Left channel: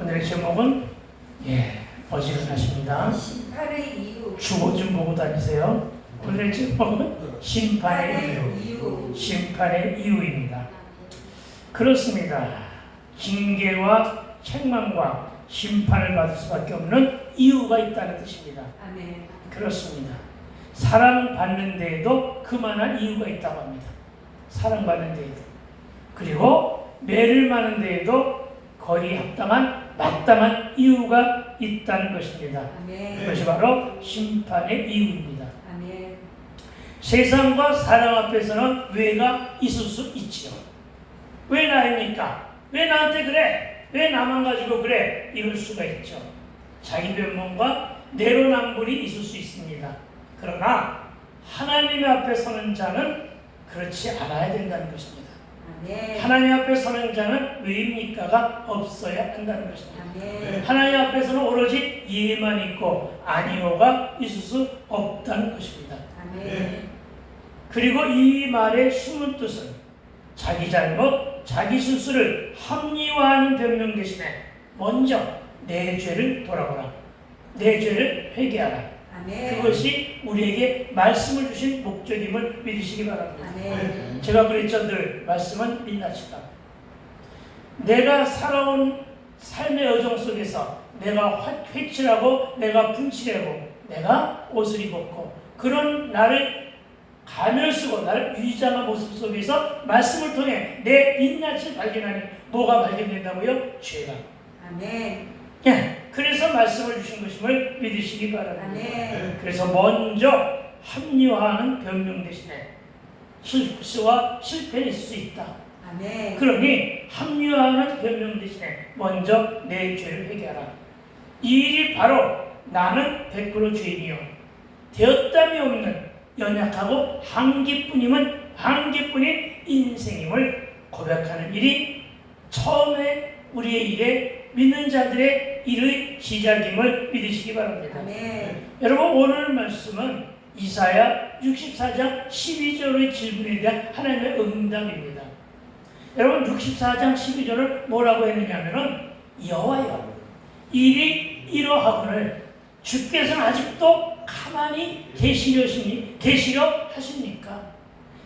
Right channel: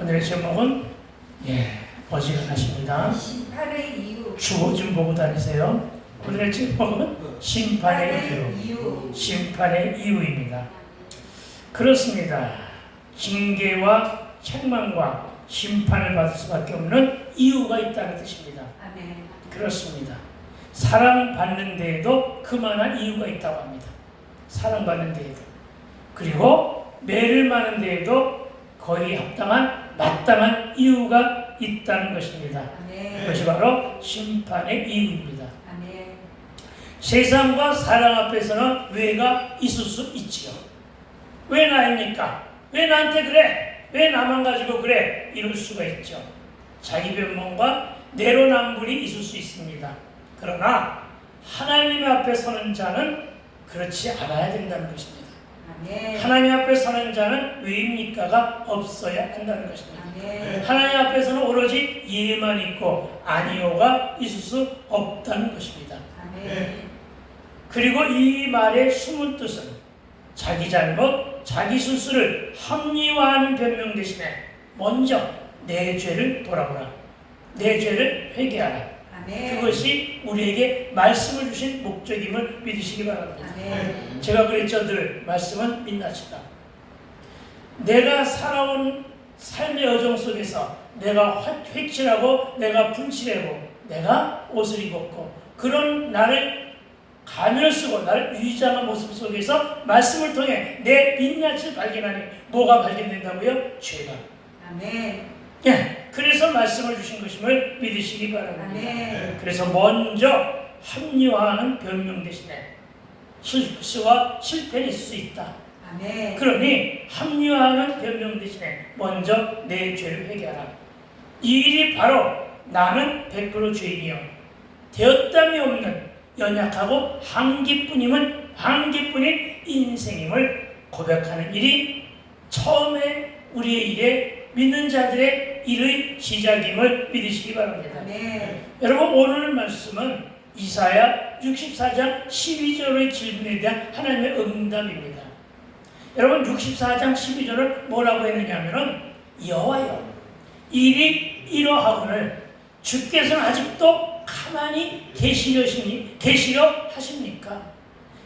오늘의 제목은 어지간하십니다. 심판의 이유. 주어 좀 보고 다니세요. 오늘의 제목은 심판의 이유. 심판의 이유입니다. 그렇습니다. 징계와 책망과 심판을 받을 수밖에 없는 이유가 있다는 뜻입니다. 아멘. 그렇습니다. 사랑받는 데에도 그만한 이유가 있다고 합니다. 사랑받는 데에도. 그리고 매를 마는 데에도 거의 합당한 마땅한 이유가 있다는 것입니다. 아멘. 그것이 바로 심판의 이유입니다. 아멘. 세상과 사랑 앞에서는 왜가 있을 수 있지요. 왜 나입니까? 왜 나한테 그래? 왜 나만 가지고 그래? 이럴 수가 있죠. 자기 변명과 내로남불이 있을 수 있습니다. 그러나 하나님 앞에 서는 자는 그렇지 않아야 된다는 것입니다. 아멘. 하나님 앞에 서는 자는 왜입니까가 없어야 한다는 것입니다. 아멘. 하나님 앞에서는 오로지 예만 있고 아니오가 있을 수 없다는 것입니다. 아멘. 그리고 이 말의 숨은 뜻은 자기 잘못, 자기 실수를 합리화하는 변명 대신에 먼저 내 죄를 돌아보라. 내 죄를 회개하라. 아멘. 그것이 우리에게 말씀을 주신 목적임을 믿으시기 바랍니다. 아멘. 제가 그랬죠. 늘 말씀은 민낯이다. 내가 살아온 삶의 여정 속에서 내가 회칠하고 내가 분칠하고 내가 옷을 입었고 그런 나를 가면을 쓰고 나를 위장한 모습 속에서 말씀을 통해 내 민낯을 발견하니 뭐가 발견된다고요? 죄가. 아멘. 그래서 말씀을 주신 것임을 믿으시기 바랍니다. 아멘. 그래서 먼저 합리화하는 변명 대신에 실수와 실패는 있을 수 있다. 아멘. 그러니 합리화하는 변명 대신에 먼저 내 죄를 회개하라. 이 일이 바로 나는 100% 죄인이요 되었담이 없는 연약하고 한계뿐인 인생임을 고백하는 일이 처음에 우리의 일에 믿는 자들의 일의 시작임을 믿으시기 바랍니다. 아멘. 여러분 오늘 말씀은 이사야 64장 12절의 질문에 대한 하나님의 응답입니다. 여러분 64장 12절을 뭐라고 했느냐면은 여호와여 일이 이러하거늘 주께서는 아직도 가만히 계시려 하십니까?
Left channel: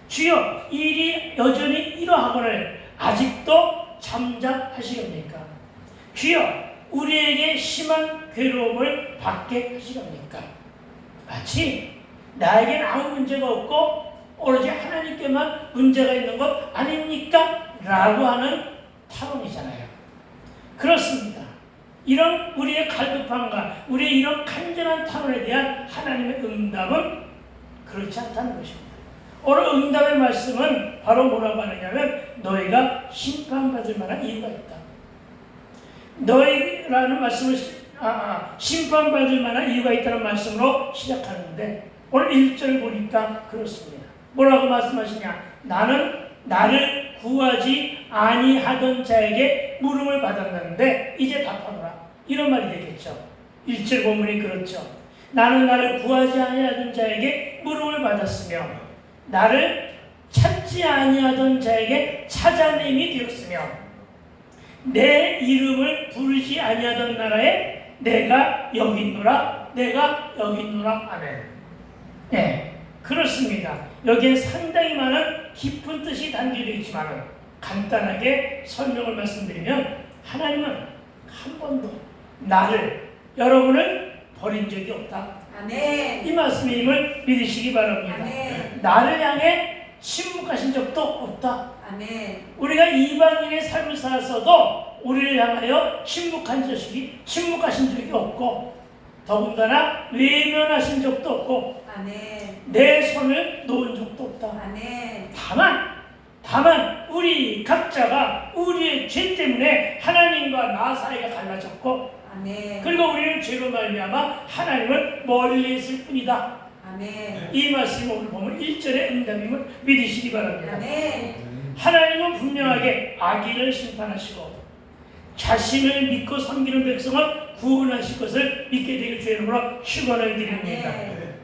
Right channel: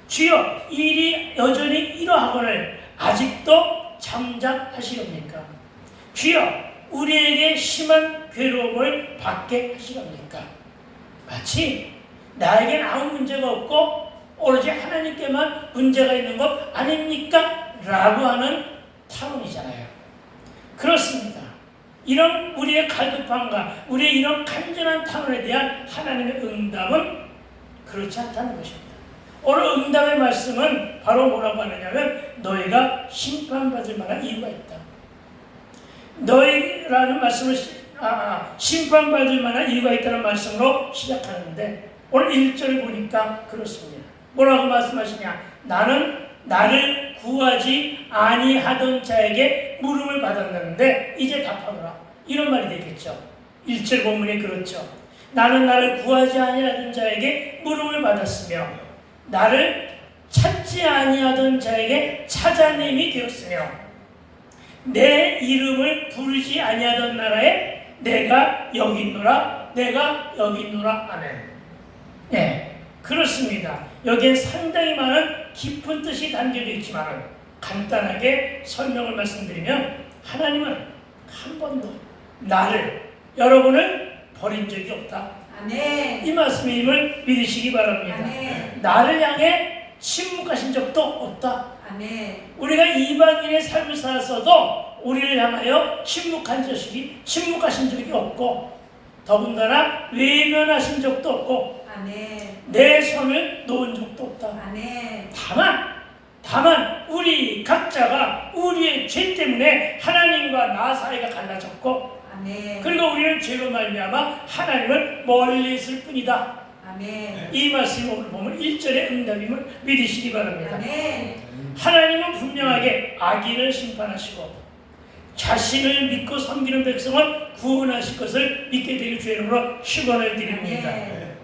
주여 일이 여전히 이러하거늘 아직도 잠잠하시렵니까? 주여 우리에게 심한 괴로움을 받게 하시렵니까? 마치 나에겐 아무 문제가 없고 오로지 하나님께만 문제가 있는 것 아닙니까? 라고 하는 탄원이잖아요. 그렇습니다. 이런 우리의 갈급함과 우리의 이런 간절한 탄원에 대한 하나님의 응답은 그렇지 않다는 것입니다. 오늘 응답의 말씀은 바로 뭐라고 하느냐면 너희가 심판받을 만한 이유가 있다. 너희라는 말씀을 심판받을 만한 이유가 있다는 말씀으로 시작하는데 오늘 1절 보니까 그렇습니다. 뭐라고 말씀하시냐? 나는 나를 구하지 아니하던 자에게 물음을 받았는데 이제 답하노라. 이런 말이 되겠죠. 1절 본문이 그렇죠. 나는 나를 구하지 아니하던 자에게 물음을 받았으며 나를 찾지 아니하던 자에게 찾아냄이 되었으며 내 이름을 부르지 아니하던 나라에 내가 여기 있노라. 내가 여기 있노라. 아멘. 네, 그렇습니다. 여기에 상당히 많은 깊은 뜻이 담겨져 있지만 간단하게 설명을 말씀드리면 하나님은 한 번도 나를 여러분을 버린 적이 없다. 아멘. 이 말씀임을 믿으시기 바랍니다. 아멘. 나를 향해 침묵하신 적도 없다. 아멘. 우리가 이방인의 삶을 살았어도 우리를 향하여 침묵하신 적이 없고 더군다나 외면하신 적도 없고 아멘. 내 손을 놓은 적도 없다. 아멘. 다만 우리 각자가 우리의 죄 때문에 하나님과 나 사이가 갈라졌고 아멘. 그리고 우리는 죄로 말미암아 하나님을 멀리 있을 뿐이다. 아멘. 이 말씀을 오늘 보면 1절의 응답임을 믿으시기 바랍니다. 아멘. 하나님은 분명하게 악인을 심판하시고 자신을 믿고 섬기는 백성을 구원하실 것을 믿게 되길 주의 이름으로 축원을 드립니다. 아멘.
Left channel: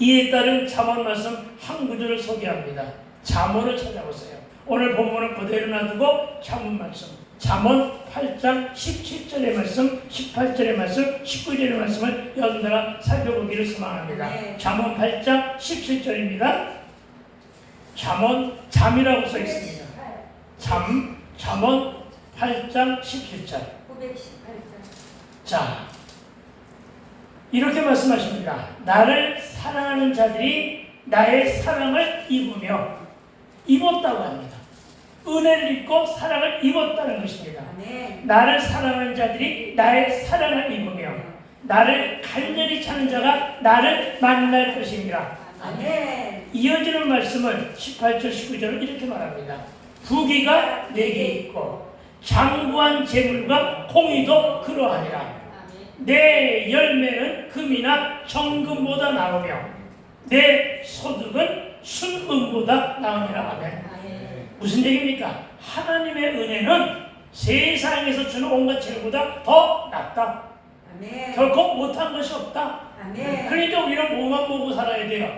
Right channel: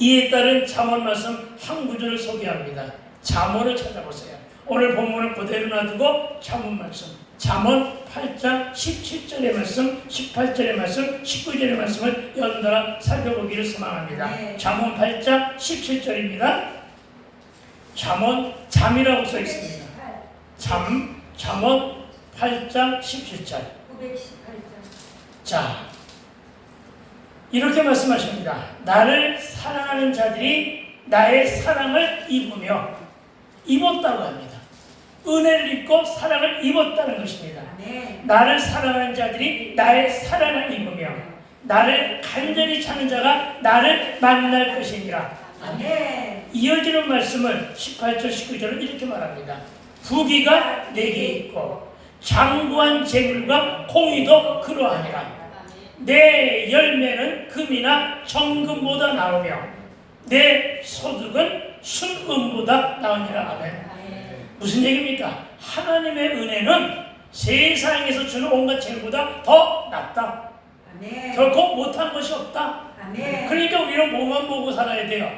이에 따른 잠언 말씀 한 구절을 소개합니다. 잠언을 찾아보세요. 오늘 본문은 그대로 놔두고 잠언 말씀 잠언 8장 17절의 말씀, 18절의 말씀, 19절의 말씀을 연달아 살펴보기를 소망합니다. 네. 잠언 8장 17절입니다. 잠이라고 써 있습니다. 잠언 8장 17절. 918절. 자, 이렇게 말씀하십니다. 나를 사랑하는 자들이 나의 사랑을 입었다고 합니다. 은혜를 입고 사랑을 입었다는 것입니다. 아멘. 나를 사랑하는 자들이 나의 사랑을 입으며 나를 간절히 찾는 자가 나를 만날 것입니다. 아멘. 이어지는 말씀을 18절 19절은 이렇게 말합니다. 부귀가 내게 있고 장구한 재물과 공의도 그러하니라. 내 열매는 금이나 정금보다 나으며 내 소득은 순금보다 나으니라. 아멘. 무슨 얘기입니까? 하나님의 은혜는 세상에서 주는 온갖 재물보다 더 낫다. 아멘. 결코 못한 것이 없다. 아멘. 그러니까 우리는 뭐만 보고 살아야 돼요?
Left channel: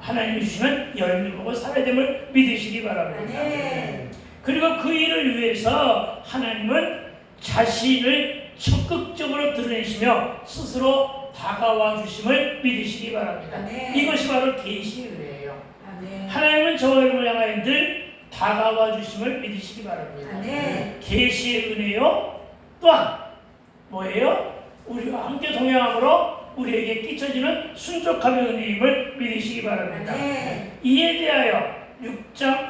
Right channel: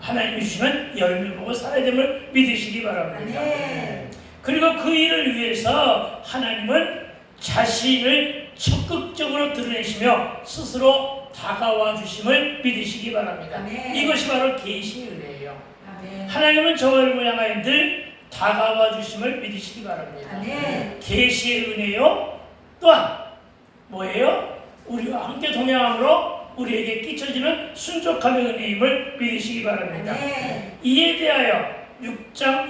하나님이 주시는 열매 보고 살아야 됨을 믿으시기 바랍니다. 아멘. 그리고 그 일을 위해서 하나님은 자신을 적극적으로 드러내시며 스스로 다가와 주심을 믿으시기 바랍니다. 아멘. 이것이 바로 계시의 은혜예요. 아멘. 하나님은 저와 여러분을 향하여 늘 다가와 주심을 믿으시기 바랍니다. 아멘. 계시의 은혜요. 또한 뭐예요? 우리와 함께 동행함으로 우리에게 끼쳐지는 순족함의 은혜임을 믿으시기 바랍니다. 아멘. 이에 대하여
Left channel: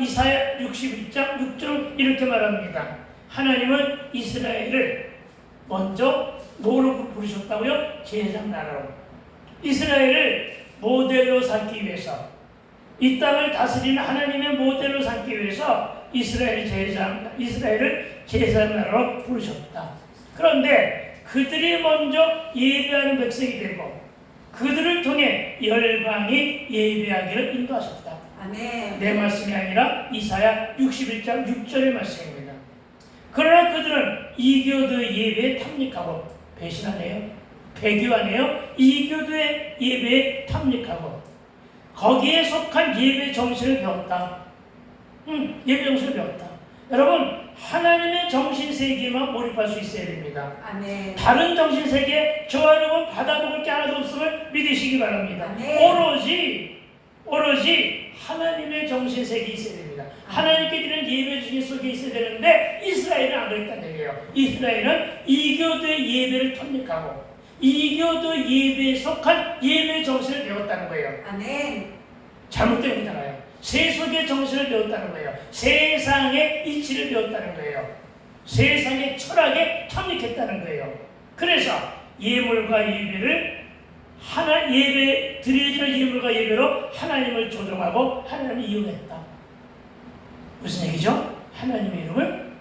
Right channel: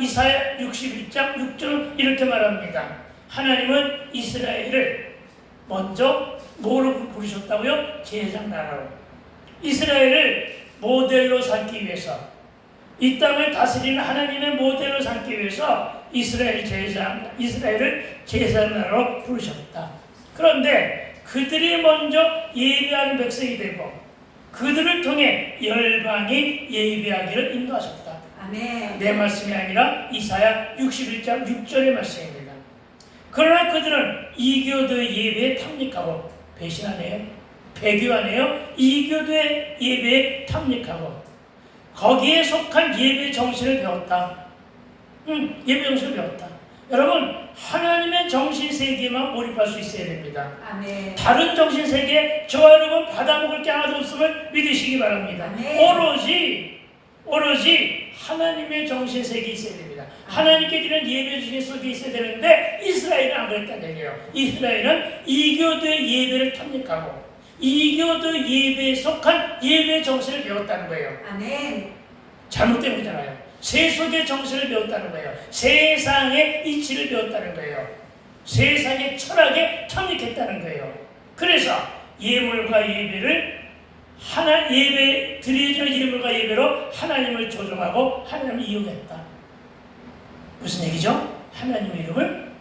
이사야 61장 6절 이렇게 말합니다. 하나님은 이스라엘을 먼저 뭐로 부르셨다고요? 제사장 나라로. 이스라엘을 모델로 삼기 위해서, 이 땅을 다스리는 하나님의 모델로 삼기 위해서 이스라엘을 제사장 나라로 부르셨다. 그런데 그들이 먼저 예배하는 백성이 되고 그들을 통해 열방이 예배하기를 인도하셨다. 아멘. 내 말씀이 아니라 이사야 61장 6절의 말씀입니다. 그러나 그들은 이교도의 예배에 탐닉하고 배신하네요. 배교하네요. 이교도의 예배에 탐닉하고 거기에 속한 예배 정신을 배웠다. 예배 정신을 배웠다. 여러분, 하나님의 정신세계만 몰입할 수 있어야 됩니다. 아멘. 다른 정신세계 저와 여러분 받아먹을 게 하나도 없음을 믿으시기 바랍니다. 아멘. 오로지 하나님의 정신세계에 있어야 됩니다. 하나님께 드리는 예배 중에 속에 있어야 되는데 이스라엘은 안 그랬다는 얘기예요. 이스라엘은 이교도의 예배를 탐닉하고 이교도 예배에 속한 예배 정신을 배웠다는 거예요. 아멘. 잘못된 거잖아요. 세속의 정신을 배웠다는 거예요. 세상의 이치를 배웠다는 거예요. 세상의 철학에 탐닉했다는 거예요. 그래서 예물과 예배를 드려지는 예물과 예배로 하나님을 조종하고 하나님을 이용했다. 무슨 얘기죠? 하나님의 이름을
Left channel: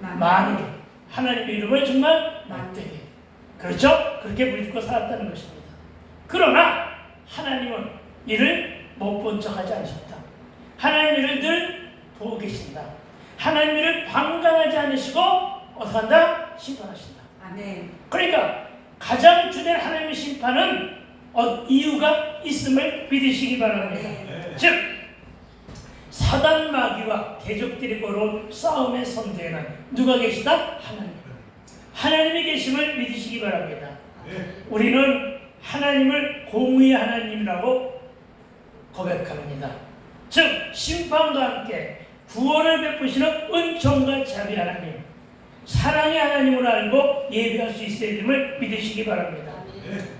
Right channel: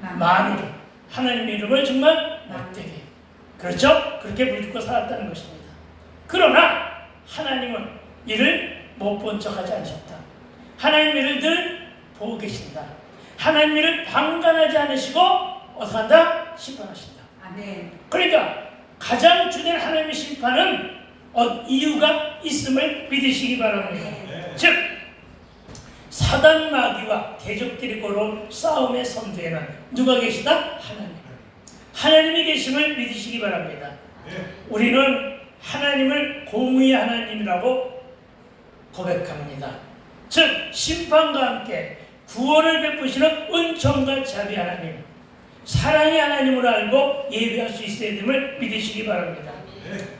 만으로, 하나님의 이름을 정말 못되게, 그렇죠? 그렇게 물고 살았다는 것입니다. 그러나 하나님은 이를 못 본 척하지 않으셨다. 하나님의 일을 늘 보고 계신다. 하나님의 일을 방관하지 않으시고 어떻게 한다? 심판하신다. 아멘. 그러니까 가장 주된 하나님의 심판은 이유가 있음을 믿으시기 바랍니다. 네. 즉 사단 마귀와 대적들이 걸어온 싸움의 선두에는 누가 계시다? 하나님. 하나님이 계심을 믿으시기 바랍니다. 우리는 하나님을 공의의 하나님이라고 고백합니다. 즉 심판과 함께 구원을 베푸시는 은총과 자비 하나님, 사랑의 하나님으로 알고 예배할 수 있어야 됨을 믿으시기 바랍니다.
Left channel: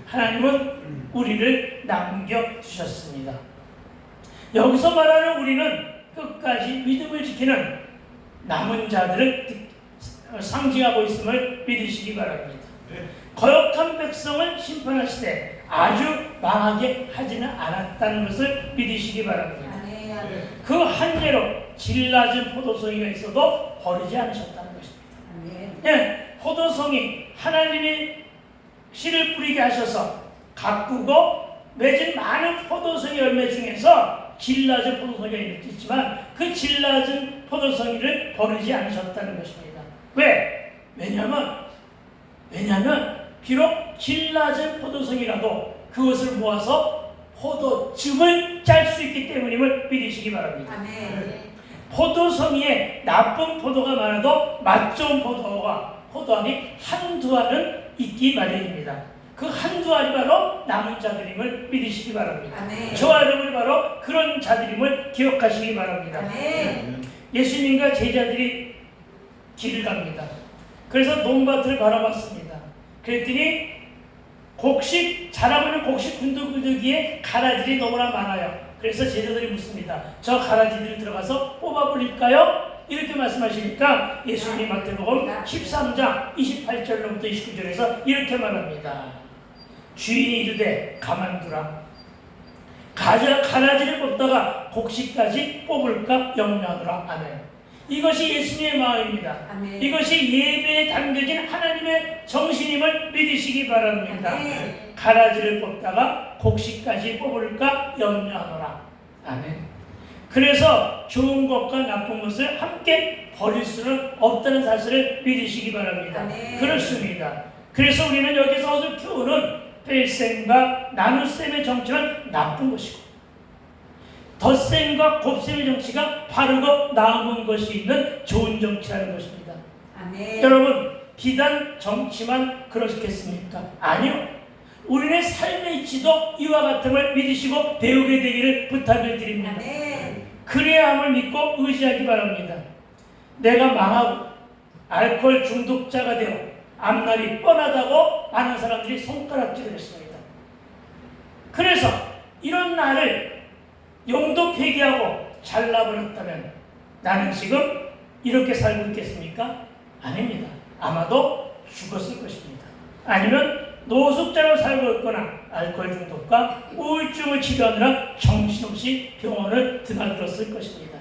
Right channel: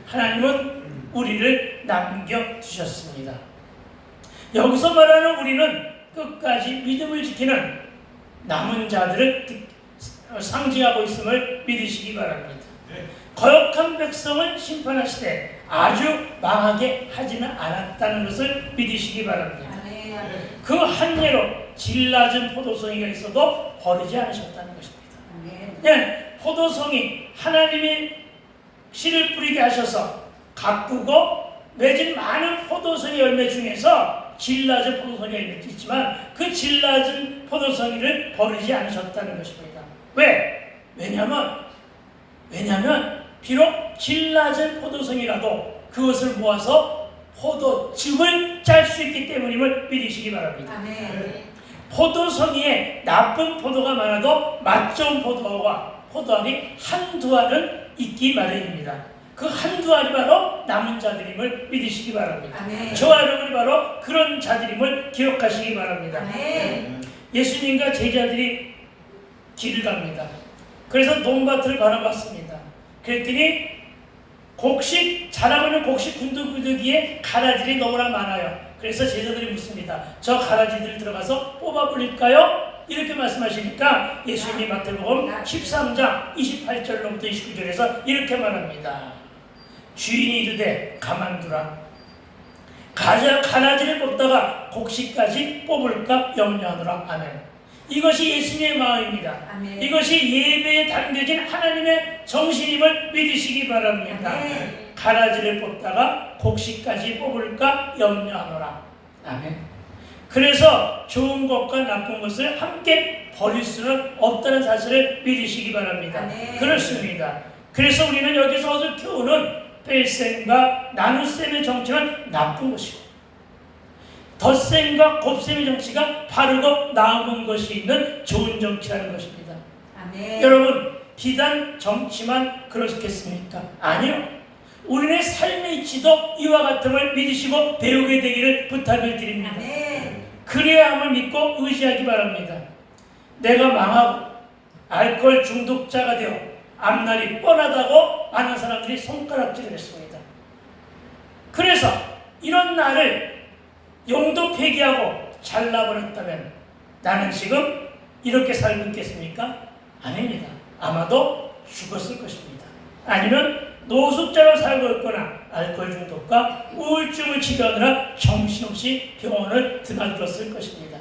하나님은 우리를 남겨주셨습니다. 여기서 말하는 우리는 끝까지 믿음을 지키는 남은 자들을 상징하고 있음을 믿으시기 바랍니다. 거역한 백성을 심판하시되 아주 망하게 하지는 않았다는 것을 믿으시기 바랍니다. 아멘. 그 한 예로 질 낮은 포도송이가 있어도 버리지 않으셨다는 것입니다. 아멘. 예, 포도송이 하나님이 씨를 뿌리게 하셔서 가꾸고 맺은 많은 포도송이 열매 중에서 질 낮은 포도송이가 있지만 그 질 낮은 포도송이를 버리지 않으셨다는 것입니다. 왜? 왜냐하면 비록 질 낮은 포도송이라도 그것을 모아서 포도즙을 짤 수 있기 때문임을 믿으시기 바랍니다. 아멘. 포도송이에 나쁜 포도가 많아도 맛 좋은 포도알이 한두 알은 있기 마련입니다. 그 한두 알이 바로 남은 자들임을 믿으시기 바랍니다. 아멘. 저와 여러분이 바로 그런 자들임을 기억하시기 바랍니다. 아멘. 예수님과 제자들이 길을 갑니다. 그래서 논밭을 바라봤습니다. 그랬더니 자라고 있는 곡식 군두구두기에 가라지들이 너무나 많아요. 그래서 제자들이 묻습니다. 저 가라지들을 들어가서 뽑아버릴까요? 이렇게 말씀하시니까 예수님이 마태복음 13장 28절로부터 29절에서 이렇게 말합니다. 주인이 이르되 가만두라. 가라지를 뽑다가 곡식까지 뽑을까 염려하노라. 아멘. 이것이 예수님의 마음입니다. 아멘. 이것이 예배에 담겨진 하나님의 정신임을 믿으시기 바랍니다. 아멘. 가라지를 뽑다가 곡식까지 뽑을까 염려하노라. 아멘. 그래서 좋은 것과 나쁜 것을 함께 버릴 수는 없다는 사실을 믿으시기 바랍니다. 아멘. 그렇습니다. 그래서 우리는 여기서 얻을 교훈은 뺄셈과 나눗셈의 정치는 나쁜 것이고 덧셈과 곱셈의 정치가 바르고 나은 것이 있는 좋은 정치라는 것입니다. 아멘. 여러분, 비단 정치만 그렇겠습니까? 아니요. 우리의 삶의 이치도 이와 같음을 믿으시고 배우게 되기를 부탁을 드립니다. 아멘. 그래야 함을 믿고 의지하기 바랍니다. 내가 망하고 알코올 중독자가 되어 앞날이 뻔하다고 많은 사람들이 손가락질을 했습니다. 그래서 이런 나를 용도 폐기하고 잘라버렸다면 나는 지금 이렇게 살고 있겠습니까? 아닙니다. 아마도 죽었을 것입니다. 아니면 노숙자로 살고 있거나 알코올 중독과 우울증을 치료하느라 정신없이 병원을 드나들었을 것입니다.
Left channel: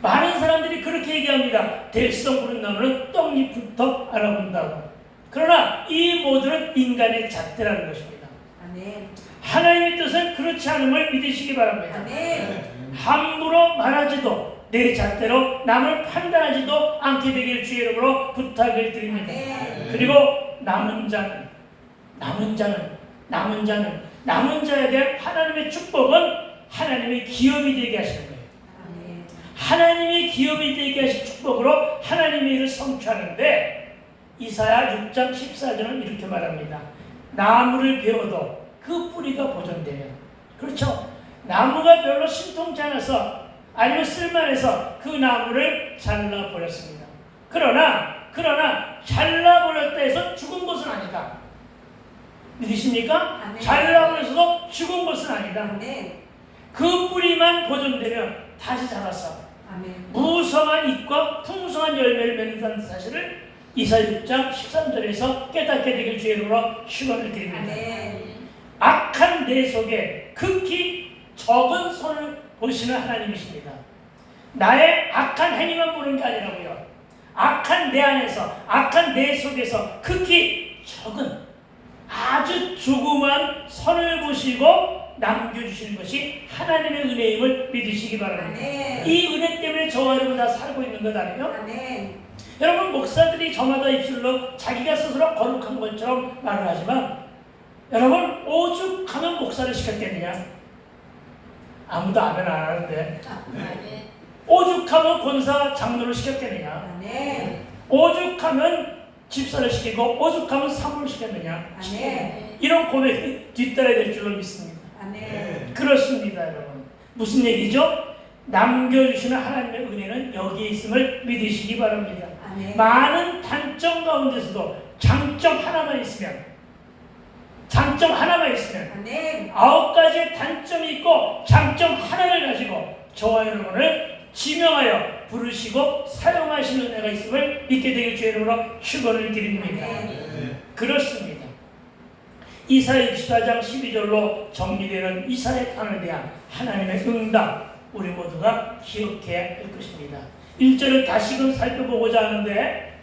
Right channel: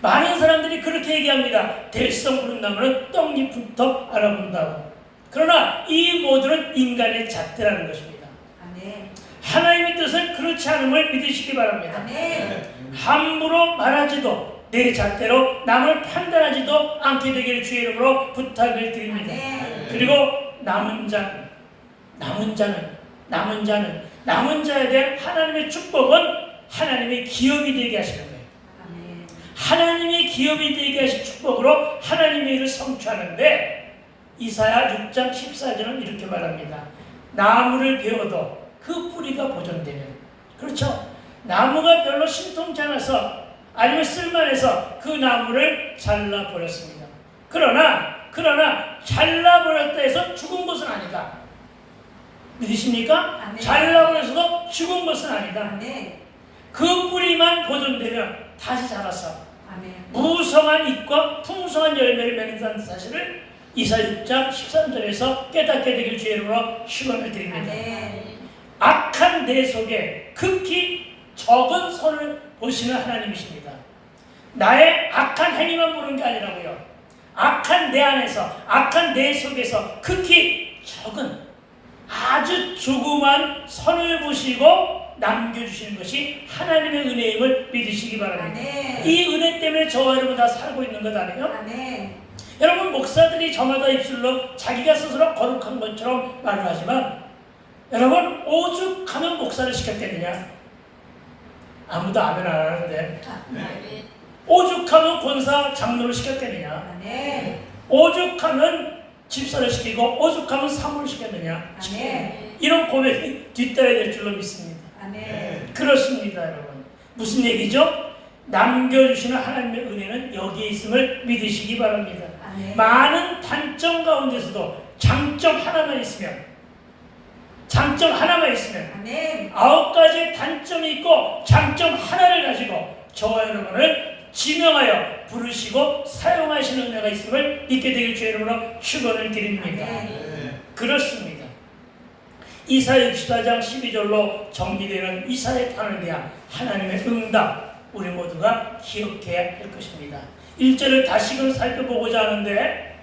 많은 사람들이 그렇게 얘기합니다. 될성 부른 나무는 떡잎부터 알아본다고. 그러나 이 모두는 인간의 잣대라는 것입니다. 아멘. 하나님의 뜻은 그렇지 않음을 믿으시기 바랍니다. 아멘. 함부로 말하지도 내 잣대로 남을 판단하지도 않게 되기를 주의 이름으로 부탁을 드립니다. 아멘. 그리고 남은 자에 대한 하나님의 축복은 하나님의 기업이 되게 하시는 거예요. 아멘. 하나님의 기업이 되게 하신 축복으로 하나님의 일을 성취하는데 이사야 6장 14절은 이렇게 말합니다. 나무를 베어도 그 뿌리가 보존되면, 그렇죠? 나무가 별로 신통치 않아서 아니면 쓸만해서 그 나무를 잘라버렸습니다. 그러나 잘라버렸다 해서 죽은 것은 아니다. 믿으십니까? 아멘. 잘라버려서도 죽은 것은 아니다. 아멘. 그 뿌리만 보존되면 다시 자라서 아멘. 무성한 잎과 풍성한 열매를 맺는다는 사실을 이사야 6장 13절에서 깨닫게 되길 주의 이름으로 축원을 드립니다. 아멘. 악한 내 속에 극히 적은 손을 보시는 하나님이십니다. 나의 악한 행위만 보는 게 아니라고요. 악한 내 안에서, 악한 내 속에서 극히 적은 아주 조그만 선을 보시고 남겨주시는 것이 하나님의 은혜임을 믿으시기 바랍니다. 아멘. 이 은혜 때문에 저와 여러분 다 살고 있는 것 아니에요? 아멘. 여러분, 목사들이 저마다 입술로 자기가 스스로 거룩한 것처럼 말을 하지만 여러분, 오죽하면 목사를 시켰겠느냐? 아무도 아멘 안 하는데 아멘. 오죽하면 권사 장로를 시켰겠느냐? 아멘. 오죽하면 집사를 시키고 오죽하면 사모를 시켰느냐? 아멘. 이런 고백이 뒤따라야 될 줄로 믿습니다. 아멘. 그렇습니다, 여러분. 무슨 얘기죠? 남겨주시는 하나님의 은혜는 여기에 있음을 믿으시기 바랍니다. 아멘. 많은 단점 가운데서도 장점 하나만 있으면 아멘. 9가지의 단점이 있고 장점 하나를 가지고 저와 여러분을 지명하여 부르시고 사용하시는 은혜가 있음을 믿게 되길 주의 이름으로 축원을 드립니다. 아멘. 그렇습니다. 이사야 64장 12절로 정리되는 이사야의 탄에 대한 하나님의 응답, 우리 모두가 기억해야 할 것입니다. 1절을 다시금 살펴보고자 하는데,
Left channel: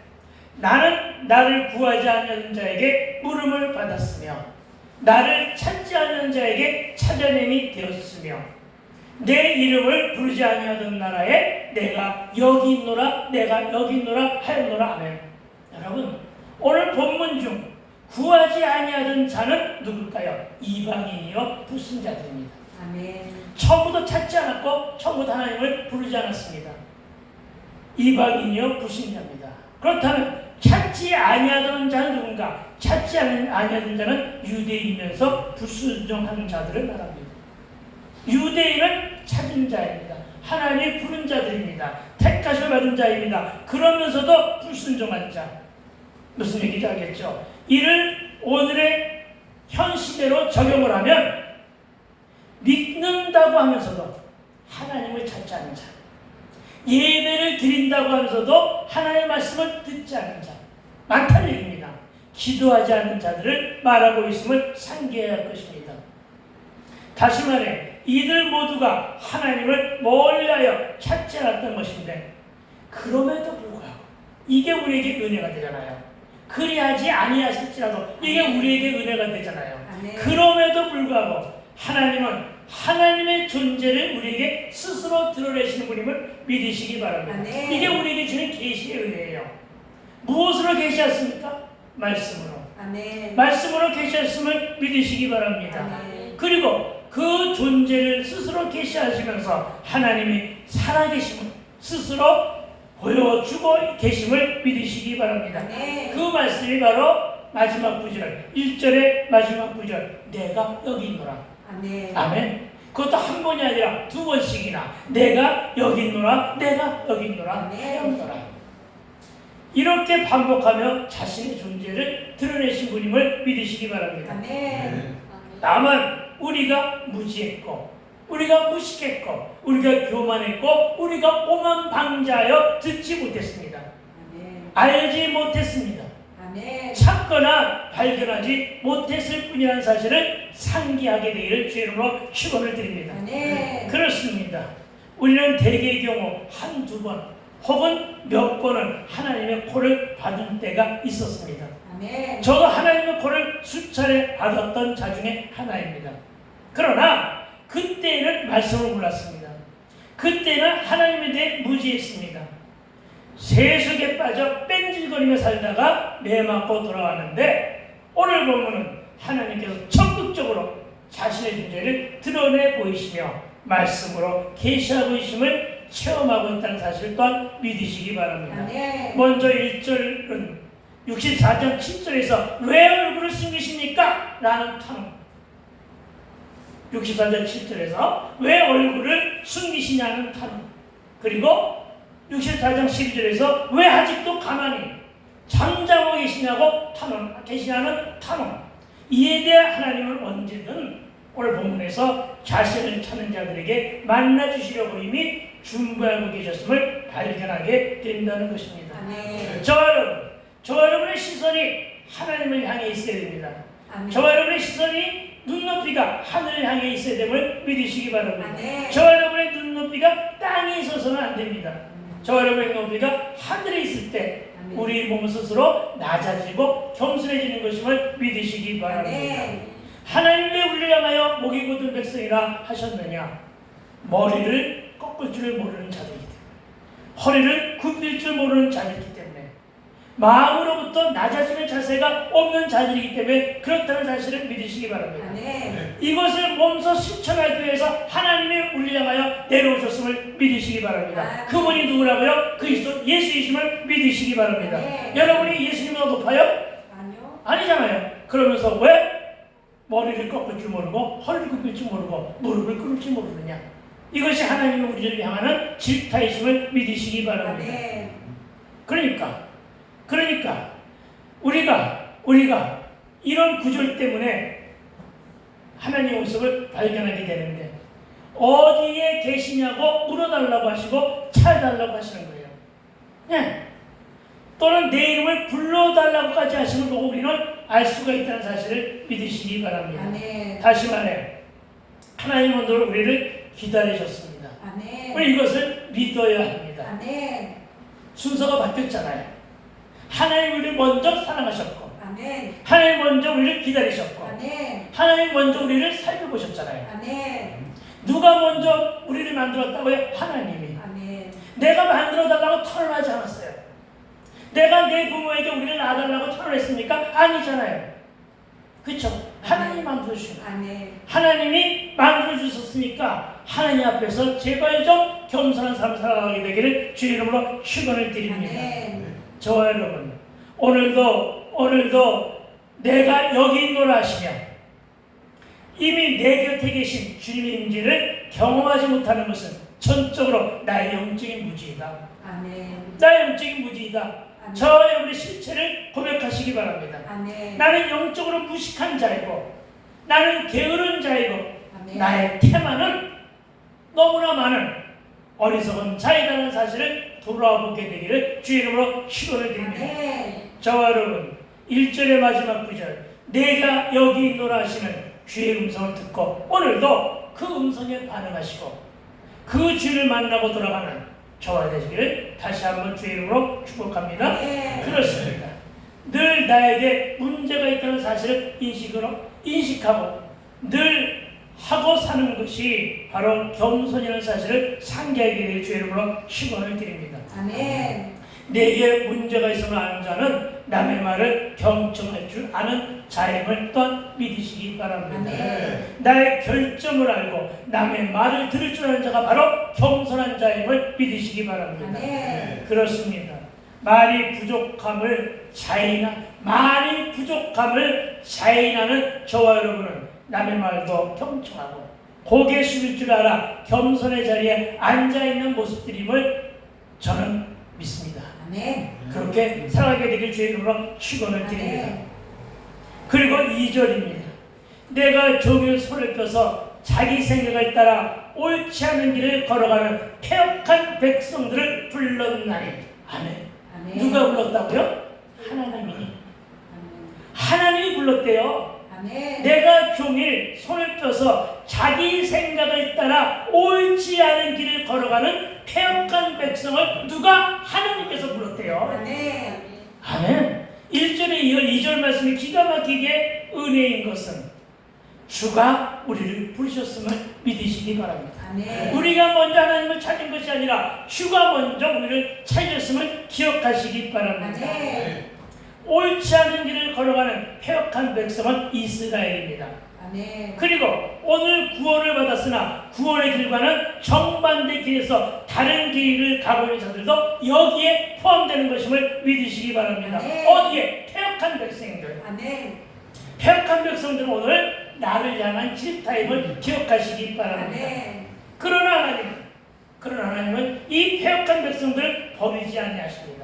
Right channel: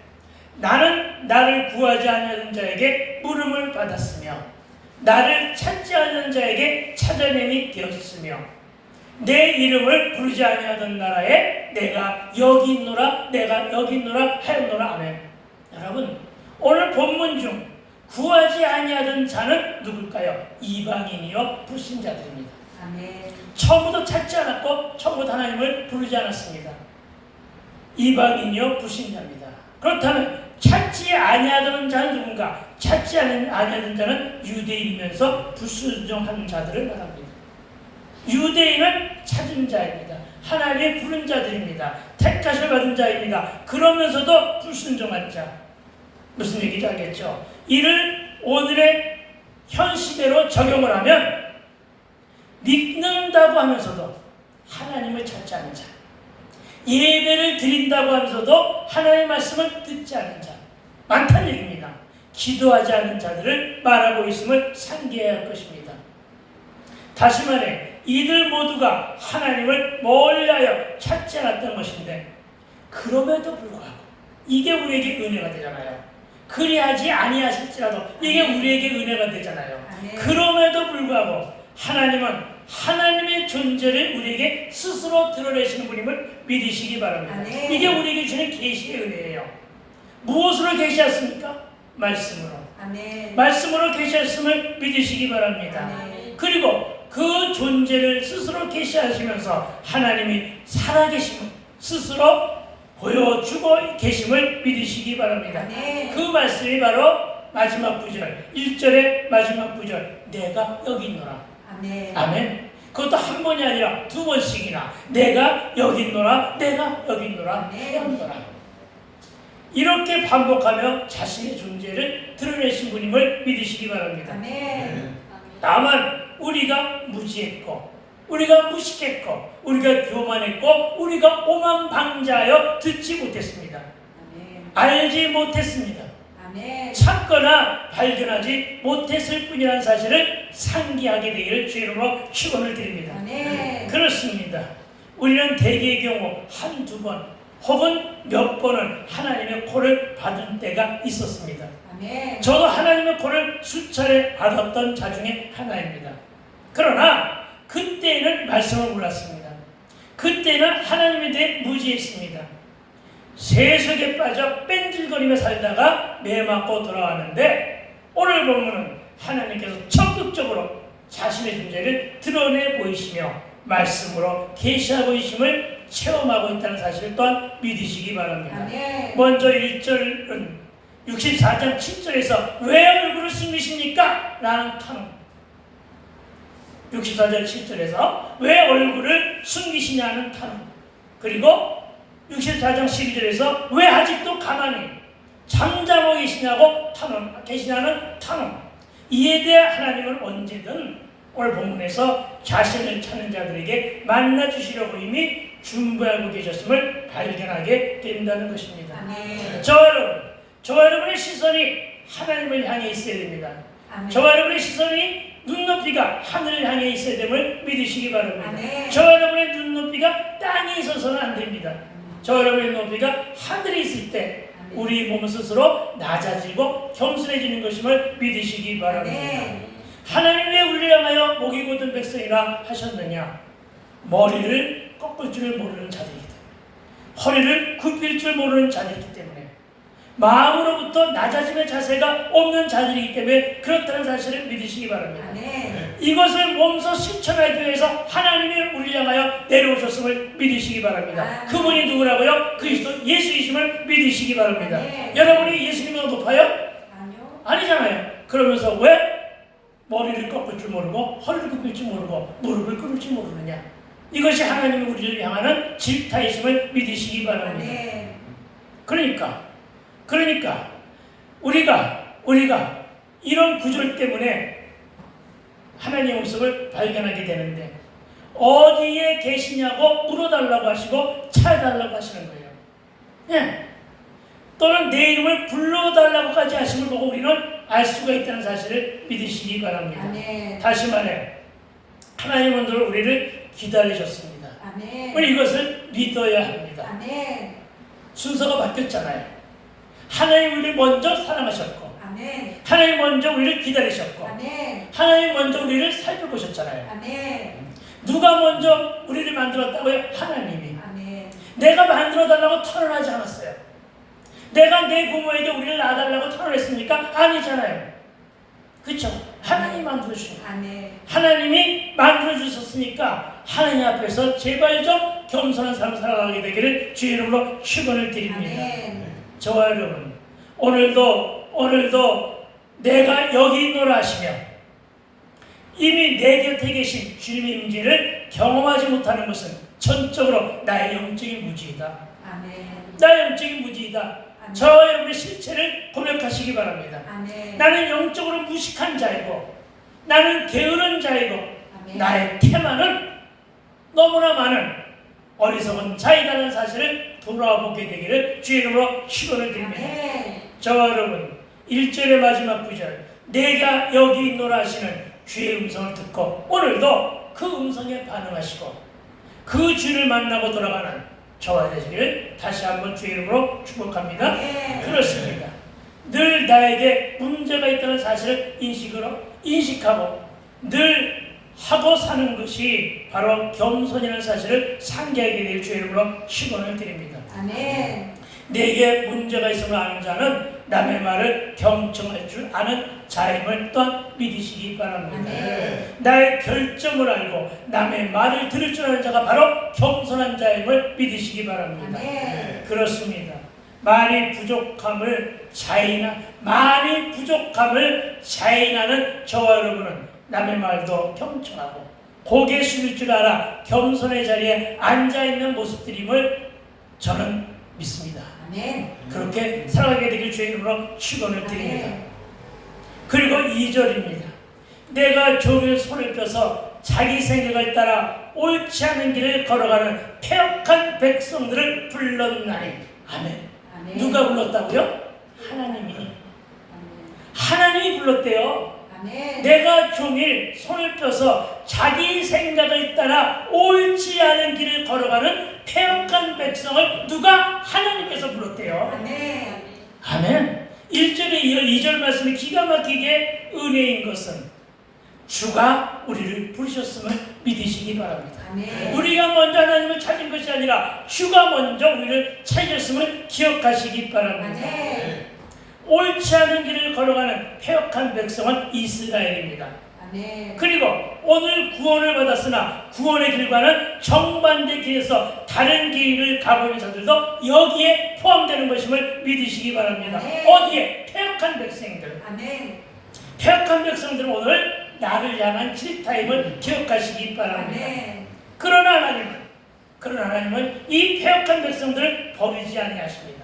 나는 나를 구하지 않는 자에게 물음을 받았으며 나를 찾지 않는 자에게 찾아냄이 되었으며 내 이름을 부르지 아니하던 나라에 내가 여기 있노라 하였노라. 아멘. 여러분, 오늘 본문 중 구하지 아니하던 자는 누굴까요? 이방인이요 불신자들입니다. 아멘. 처음부터 찾지 않았고 처음부터 하나님을 부르지 않았습니다. 이방인이요 불신자입니다. 그렇다면 찾지 아니하던 자는 누군가? 찾지 아니하던 자는 유대인이면서 불순종하는 자들을 말합니다. 유대인은 찾은 자입니다. 하나님의 부른 자들입니다. 택하심을 받은 자입니다. 그러면서도 불순종한 자. 무슨 얘기인지 알겠죠? 이를 오늘의 현 시대로 적용을 하면 믿는다고 하면서도 하나님을 찾지 않은 자, 예배를 드린다고 하면서도 하나님의 말씀을 듣지 않는 자 많다는 얘기입니다. 기도하지 않는 자들을 말하고 있음을 상기해야 할 것입니다. 다시 말해 이들 모두가 하나님을 멀리하여 찾지 않았던 것인데 그럼에도 불구하고 이게 우리에게 은혜가 되잖아요. 그리하지 아니하실지라도 이게 우리에게 은혜가 되잖아요. 아멘. 그럼에도 불구하고 하나님은 하나님의 존재를 우리에게 스스로 드러내시는 분임을 믿으시기 바랍니다. 아멘. 이게 우리에게 주는 계시의 은혜예요. 무엇으로 계시했습니까? 말씀으로. 아멘. 말씀으로 계시했음을 믿으시기 바랍니다. 아멘. 그리고 그 존재를 스스로 계시하시면서 하나님이 살아계심을 스스로 보여주고 계심을 믿으시기 바랍니다. 아멘. 그 말씀이 바로 마지막 구절 1절의 마지막 구절 내가 여기 있노라. 아멘. 아멘. 그것도 한 번이 아니라 두 번씩이나 내가 여기 있노라 내가 여기 있노라 태어노라 이렇게 반복하며 자신의 존재를 드러내신 분임을 믿으시기 바랍니다. 아멘. 다만 우리가 무지했고 우리가 무식했고 우리가 교만했고 우리가 오만방자하여 듣지 못했습니다. 아멘. 알지 못했습니다. 아멘. 찾거나 발견하지 못했을 뿐이라는 사실을 상기하게 되기를 주의 이름으로 축원을 드립니다. 아멘. 그렇습니다. 우리는 대개의 경우 한두 번 혹은 몇 번은 하나님의 콜을 받은 때가 있었습니다. 아멘. 저도 하나님의 콜을 수차례 받았던 자 중에 하나입니다. 그러나 그때는 말씀을 몰랐습니다. 그때는 하나님에 대해 무지했습니다. 세속에 빠져 뺀질거리며 살다가 매 맞고 돌아가는데 오늘 보면은 하나님께서 적극적으로 자신의 존재를 드러내 보이시며 말씀으로 계시하고 계심을 체험하고 있다는 사실 또한 믿으시기 바랍니다. 아멘. 먼저 1절은 64장 7절에서 왜 얼굴을 숨기십니까? 라는 탐 64장 7절에서 왜 얼굴을 숨기시냐는 탄원 그리고 64장 12절에서 왜 아직도 가만히 잠자고 계시냐는 탄원 이에 대해 하나님은 언제든 오늘 본문에서 자신을 찾는 자들에게 만나주시려고 이미 준비하고 계셨음을 발견하게 된다는 것입니다. 아멘. 저와 여러분의 시선이 하나님을 향해 있어야 됩니다. 아멘. 저와 여러분의 시선이 눈높이가 하늘을 향해 있어야 됨을 믿으시기 바랍니다. 아멘. 저와 여러분의 눈높이가 땅에 있어서는 안 됩니다. 저와 여러분의 눈높이가 하늘에 있을 때 아멘. 우리 몸 스스로 낮아지고 겸손해지는 것임을 믿으시기 바랍니다. 아멘. 하나님 왜 우리를 향하여 목이 곧은 백성이라 하셨느냐? 머리를 꺾을 줄 모르는 자들이기 때문에 허리를 굽힐 줄 모르는 자들이기 때문에 마음으로부터 낮아지는 자세가 없는 자들이기 때문에 그렇다는 사실을 믿으시기 바랍니다. 아멘. 이것을 몸소 실천하기 위해서 하나님이 우리를 향하여 내려오셨음을 믿으시기 바랍니다. 아멘. 그분이 누구라고요? 그리스도 예수이심을 믿으시기 바랍니다. 아멘. 여러분이 예수님보다 높아요? 아니요. 아니잖아요. 그러면서 왜 머리를 꺾을 줄 모르고 허리를 굽힐 줄 모르고 무릎을 꿇을 줄 모르느냐? 이것이 하나님이 우리를 향하는 질타이심을 믿으시기 바랍니다. 아멘. 그러니까 우리가 이런 구절 때문에 하나님의 모습을 발견하게 되는데 어디에 계시냐고 물어달라고 하시고 찾아달라고 하시는 거예요. 네. 또는 내 이름을 불러달라고까지 하심을 보고 우리는 알 수가 있다는 사실을 믿으시기 바랍니다. 아멘. 다시 말해 하나님은 늘 우리를 기다리셨습니다. 아멘. 우리 이것을 믿어야 합니다. 아멘. 순서가 바뀌었잖아요. 하나님 우리를 먼저 사랑하셨고 아멘. 하나님 먼저 우리를 기다리셨고 아멘. 하나님 먼저 우리를 살펴보셨잖아요. 아멘. 누가 먼저 우리를 만들었다고요? 하나님이. 아멘. 내가 만들어달라고 털어나지 않았어요. 내가 내 부모에게 우리를 낳아달라고 털어냈습니까? 아니잖아요. 그렇죠? 하나님이 만들어주신 거예요. 아멘. 하나님이 만들어주셨으니까 하나님 앞에서 제발 좀 겸손한 삶을 살아가게 되기를 주의 이름으로 축원을 드립니다. 아멘. 저와 여러분, 오늘도 내가 여기 있노라 하시며 이미 내 곁에 계신 주님의 임재를 경험하지 못하는 것은 전적으로 나의 영적인 무지이다. 아멘. 나의 영적인 무지이다. 아멘. 저와 여러분의 실체를 고백하시기 바랍니다. 아멘. 나는 영적으로 무식한 자이고 나는 게으른 자이고 아멘. 나의 테마는 너무나 많은 어리석은 자이라는 사실을 돌아보게 되기를 주의 이름으로 축원을 드립니다. 아멘. 저와 여러분 1절의 마지막 구절 내가 여기 있노라 하시는 주의 음성을 듣고 오늘도 그 음성에 반응하시고 그 주를 만나고 돌아가는 저와 되시기를 다시 한번 주의 이름으로 축복합니다. 아멘. 그렇습니다. 늘 나에게 문제가 있다는 사실을 인식하고 늘 하고 사는 것이 바로 겸손이라는 사실을 상기하게 될 주의 이름으로 축원을 드립니다. 아멘. 내게 문제가 있음을 아는 자는 남의 말을 경청할 줄 아는 자임을 또한 믿으시기 바랍니다. 아멘. 나의 결정을 알고 남의 말을 들을 줄 아는 자가 바로 겸손한 자임을 믿으시기 바랍니다. 아멘. 그렇습니다. 말이 부족함을 자인하는 저와 여러분은 남의 말도 경청하고 고개 숙일 줄 알아 겸손의 자리에 앉아있는 모습들임을 저는 믿습니다. 아멘. 그렇게 살아가게 되길 주의 이름으로 축원을 드립니다. 아멘. 그리고 2절입니다. 내가 종일 손을 펴서 자기 생각을 따라 옳지 않은 길을 걸어가는 패역한 백성들을 불렀나니. 아멘. 아멘. 누가 불렀다고요? 하나님이. 아멘. 하나님이 불렀대요. 아멘. 내가 종일 손을 펴서 자기 생각을 따라 옳지 않은 길을 걸어가는 패역한 백성을 누가? 하나님께서 불렀대요. 아멘. 아멘. 1절에 이어 2절 말씀이 기가 막히게 은혜인 것은 주가 우리를 부르셨음을 믿으시기 바랍니다. 아멘. 우리가 먼저 하나님을 찾은 것이 아니라 주가 먼저 우리를 찾으셨음을 기억하시기 바랍니다. 아멘. 옳지 않은 길을 걸어가는 패역한 백성은 이스라엘입니다. 아멘. 그리고 오늘 구원을 받았으나 구원의 길과는 정반대 길에서 다른 길을 가고 있는 자들도 여기에 포함되는 것임을 믿으시기 바랍니다. 아멘. 어디에? 패역한 백성들. 아멘. 패역한 백성들은 오늘 나를 향한 질타임을 기억하시기 바랍니다. 아멘. 그러나 하나님은 이 패역한 백성들을 버리지 아니하십니다.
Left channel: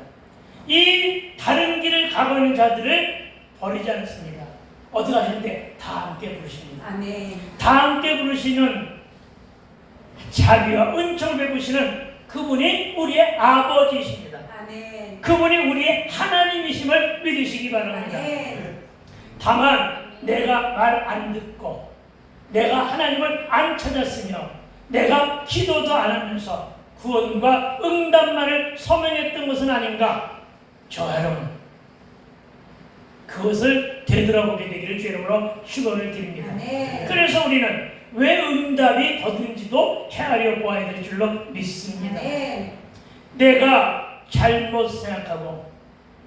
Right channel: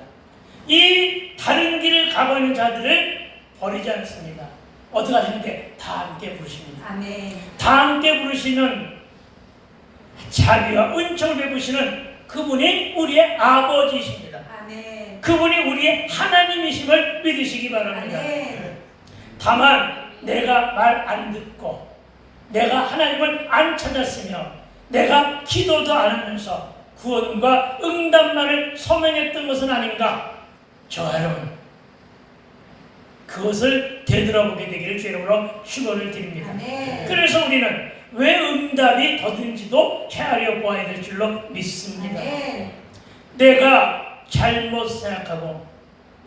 이 다른 길을 가고 있는 자들을 버리지 않습니다. 어떻게 하시는데? 다 함께 부르십니다. 아멘. 다 함께 부르시는 자비와 은총을 베푸시는 그분이 우리의 아버지이십니다. 아멘. 그분이 우리의 하나님이심을 믿으시기 바랍니다. 아멘. 다만 내가 말 안 듣고 내가 하나님을 안 찾았으며 내가 기도도 안 하면서 구원과 응답만을 소명했던 것은 아닌가? 저와 여러분 그것을 되돌아보게 되기를 주의 이름으로 축원을 드립니다. 아멘. 그래서 우리는 왜 응답이 더딘지도 헤아려 보아야 될 줄로 믿습니다. 아멘. 내가 잘못 생각하고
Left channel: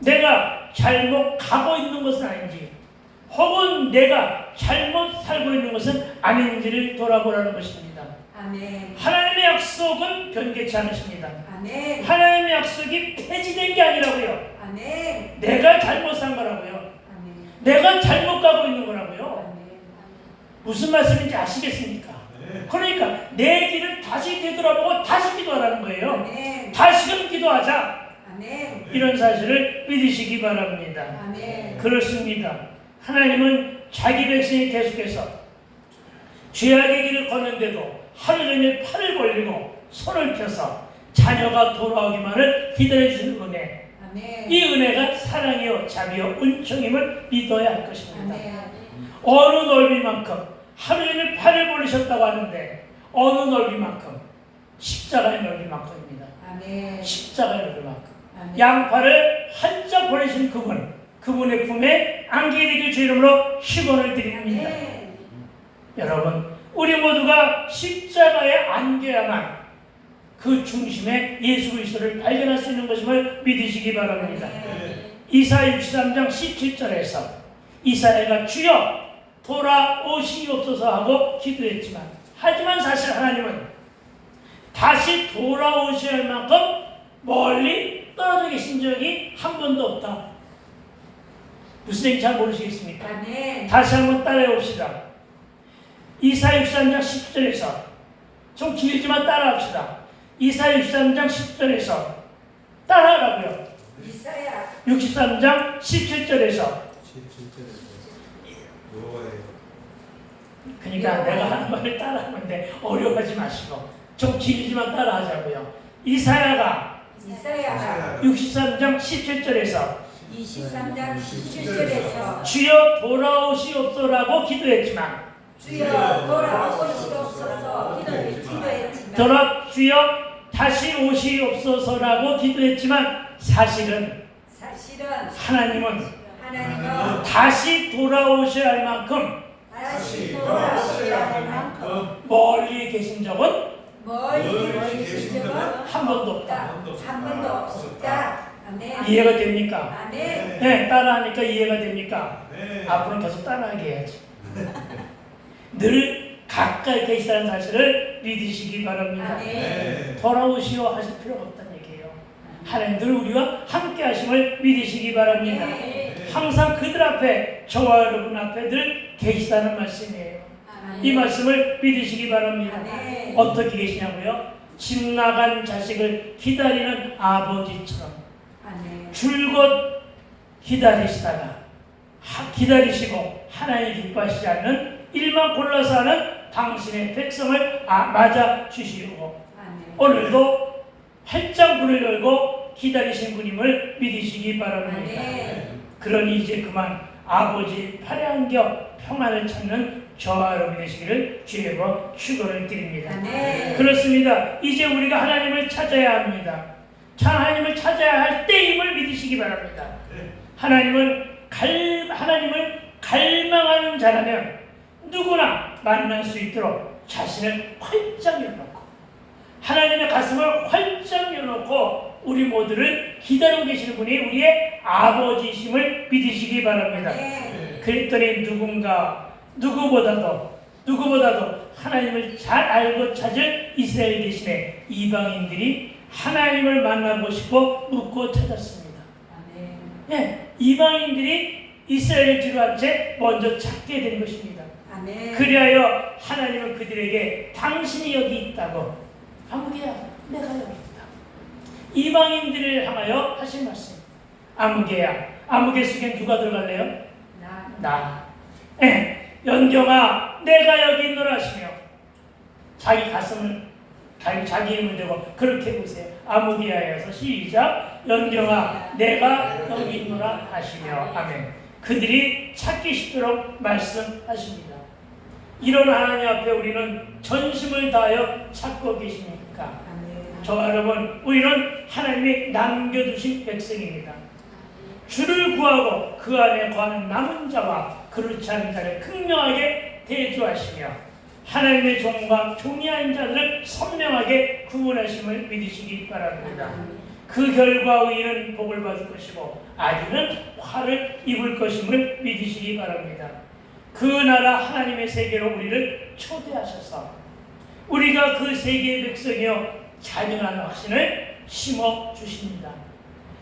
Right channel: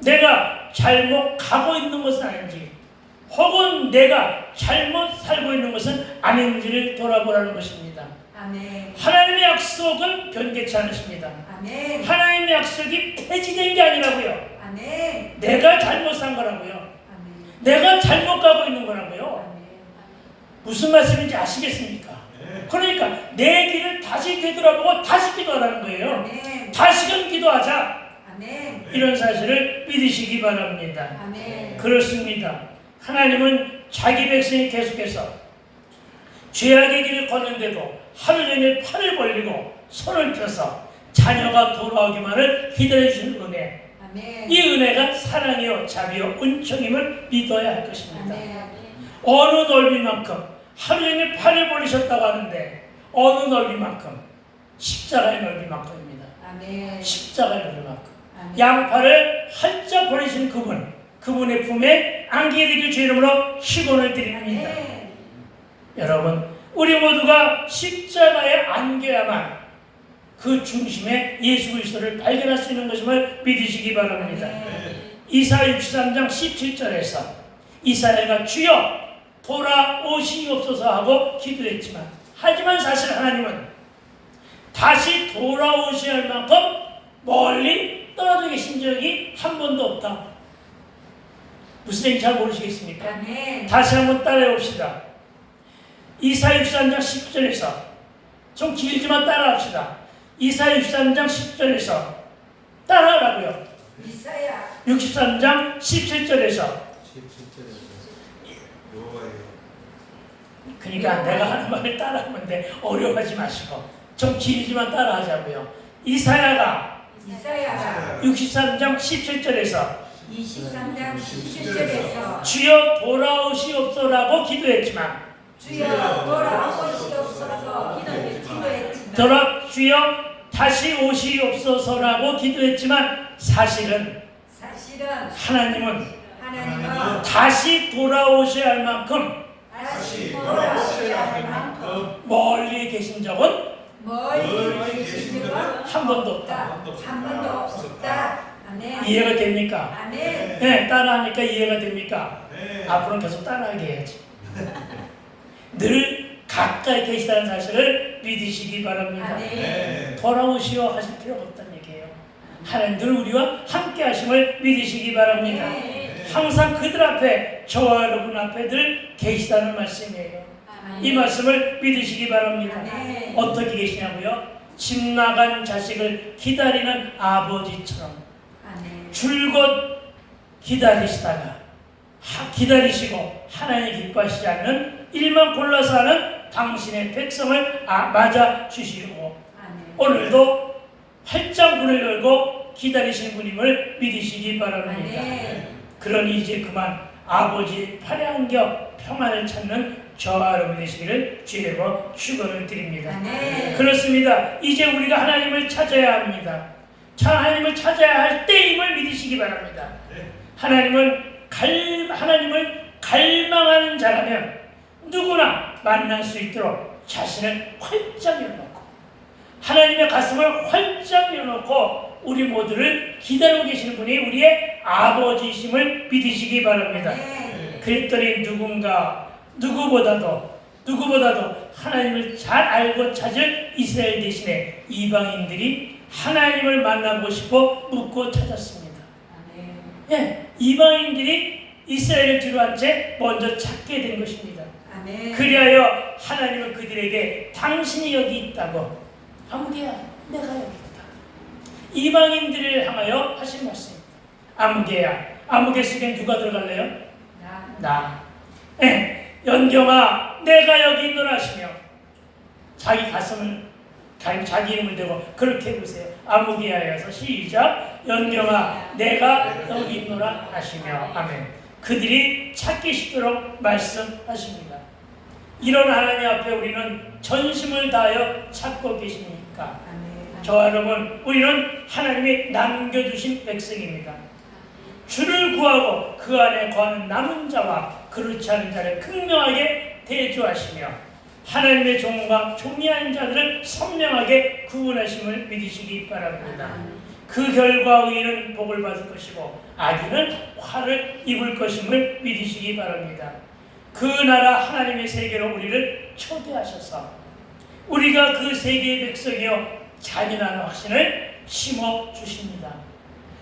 내가 잘못 가고 있는 것은 아닌지 혹은 내가 잘못 살고 있는 것은 아닌지를 돌아보라는 것입니다. 아멘. 하나님의 약속은 변개치 않으십니다. 아멘. 하나님의 약속이 폐지된 게 아니라고요. 아멘. 내가 잘못 산 거라고요. 아멘. 내가 잘못 가고 있는 거라고요. 아멘. 무슨 말씀인지 아시겠습니까? 그러니까 내 길을 다시 되돌아보고 다시 기도하라는 거예요. 아멘. 다시금 기도하자. 아멘. 이런 사실을 믿으시기 바랍니다. 아멘. 그렇습니다. 하나님은 자기 백성이 계속해서 죄악의 길을 걷는데도 하루 종일 팔을 벌리고 손을 펴서 자녀가 돌아오기만을 기다려주는 은혜. 아멘. 이 은혜가 사랑이요 자비요 은총임을 믿어야 할 것입니다. 아멘. 어느 넓이만큼 하루 종일 팔을 벌리셨다고 하는데 어느 넓이만큼 십자가의 넓이만큼입니다. 아멘. 십자가의 넓이만큼 아멘. 양팔을 활짝 벌리신 그분의 품에 안기게 되길 주 이름으로 축원을 드립니다. 아멘. 여러분 우리 모두가 십자가에 안겨야만 그 중심에 예수 그리스도를 발견할 수 있는 것임을 믿으시기 바랍니다. 아멘. 이사야 63장 17절에서 이사야가 주여 돌아오시옵소서 하고 기도했지만, 하지만 사실 하나님은 다시 돌아오셔야 할 만큼 멀리 떨어져 계신 적이 한 번도 없다. 무슨 얘기인지 잘 모르시겠습니까? 아멘. 다시 한번 따라해 봅시다. 이사야 63장 10절에서, 좀 길지만 따라합시다. 이사야 63장 10절에서 따라하라고요. 이사야 63장 17절에서. 17절에서 여호와여. 그러니까 내가 하는 말을 따라하면 돼. 어려워하지 마시고 좀 길지만 따라하자고요. 이사야가 63장 17절에서 23장 17절에서 주여 돌아오시옵소서라고 기도했지만, 주여 돌아오시옵소서 기도했지만 주여 다시 오시옵소서라고 기도했지만, 사실은 하나님은 다시 돌아오셔야 할 만큼 다시 돌아오셔야 할 만큼 멀리 계신 적은 멀리 계신 적은 한 번도 없다. 한 번도 없었다. 아멘. 이해가 됩니까? 아멘. 네, 따라하니까 이해가 됩니까? 네. 앞으로는 계속 따라하게 해야지. 늘 가까이 계시다는 사실을 믿으시기 바랍니다. 아멘. 네. 돌아오시오 하실 필요가 없다는 얘기예요. 하나님 늘 우리와 함께 하심을 믿으시기 바랍니다. 네. 항상 그들 앞에, 저와 여러분 앞에 늘 계시다는 말씀이에요. 이 말씀을 믿으시기 바랍니다. 네. 어떻게 계시냐고요? 집 나간 자식을 기다리는 아버지처럼 아멘. 줄곧 기다리시다가 기다리시고 하나님 기뻐하시지 않는 일만 골라서 하는 당신의 백성을 맞아 주시고, 아멘. 오늘도 활짝 문을 열고 기다리신 분임을 믿으시기 바랍니다. 아멘. 그러니 이제 그만 아버지 팔에 안겨 평안을 찾는 저와 여러분 되시기를 주의로 축원을 드립니다. 아멘. 그렇습니다. 이제 우리가 하나님을 찾아야 합니다. 하나님을 찾아야 할 때임을 믿으시기 바랍니다. 하나님을 갈망하는 자라면 누구나 만날 수 있도록 자신을 활짝 열어놓고, 하나님의 가슴을 활짝 열어놓고 우리 모두를 기다리고 계시는 분이 우리의 아버지이심을 믿으시기 바랍니다. 네. 그랬더니 누구보다도 하나님을 잘 알고 찾을 이스라엘 대신에 이방인들이 하나님을 만나보고 싶고 묻고 찾았습니다. 아멘. 예, 이방인들이 이스라엘을 뒤로한 채 먼저 찾게 된 것입니다. 아멘. 그리하여 하나님은 그들에게 당신이 여기 있다고, 아무개야 내가 여기 있다, 이방인들을 향하여 하신 말씀입니다. 아무개야, 아무개 속에 누가 들어갈래요? 나. 예, 연경아 내가 여기 있노라 하시며, 자기 가슴을 자기 이름을 대고 그렇게 해보세요. 아무개야에서 시작. 연경아 내가 여기 있노라 하시며. 아멘. 그들이 찾기 쉽도록 말씀하십니다. 이런 하나님 앞에 우리는 전심을 다하여 찾고 계십니까? 아멘. 저와 여러분, 우리는 하나님이 남겨두신 백성입니다. 주를 구하고 그 안에 거하는 남은 자와 그렇지 않은 자를 극명하게 대조하시며, 하나님의 종과 종이한 자들을 선명하게 구분하심을 믿으시기 바랍니다. 그 결과 의인은 복을 받을 것이고 악인은 화를 입을 것임을 믿으시기 바랍니다. 그 나라 하나님의 세계로 우리를 초대하셔서 우리가 그 세계의 백성이요 잔인한 확신을 심어주십니다.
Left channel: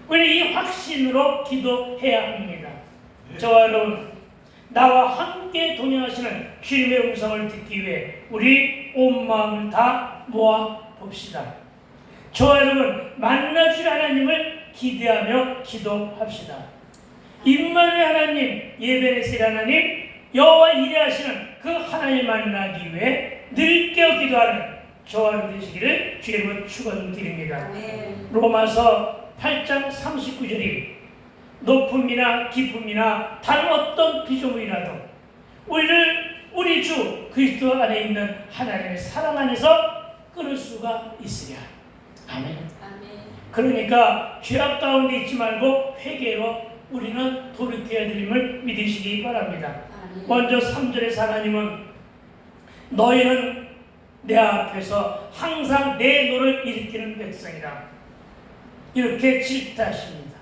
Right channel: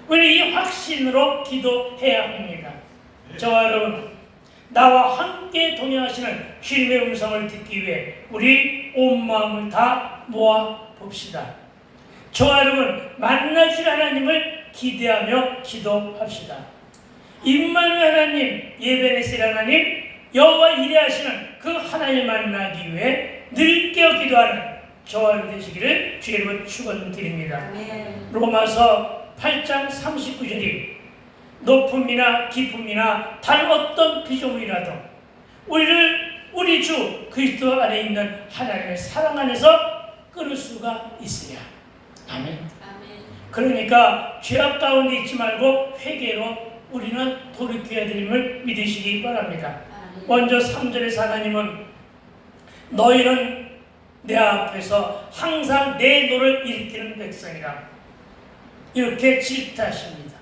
우리 이 확신으로 기도해야 합니다. 저와 여러분, 나와 함께 동행하시는 주님의 음성을 듣기 위해 우리 온 마음을 다 모아 봅시다. 저와 여러분, 만나줄 하나님을 기대하며 기도합시다. 임마누엘 하나님, 예베네스 하나님, 여호와 이레하시는 그 하나님 만나기 위해 늘 깨어 기도하는 저와 여러분 되시기를 주의 이름으로 축원드립니다. 아멘. 로마서 8장 39절이 높음이나 깊음이나 다른 어떤 비조물이라도 우리 주 그리스도 안에 있는 하나님의 사랑 안에서 끊을 수가 있으랴. 아멘. 그러니까 죄악 가운데 있지 말고 회개로 우리는 돌이켜야 됨을 믿으시기 바랍니다. 먼저 3절에서 하나님은 너희는 내 앞에서 항상 내 노를 일으키는 백성이라 이렇게 질타하십니다.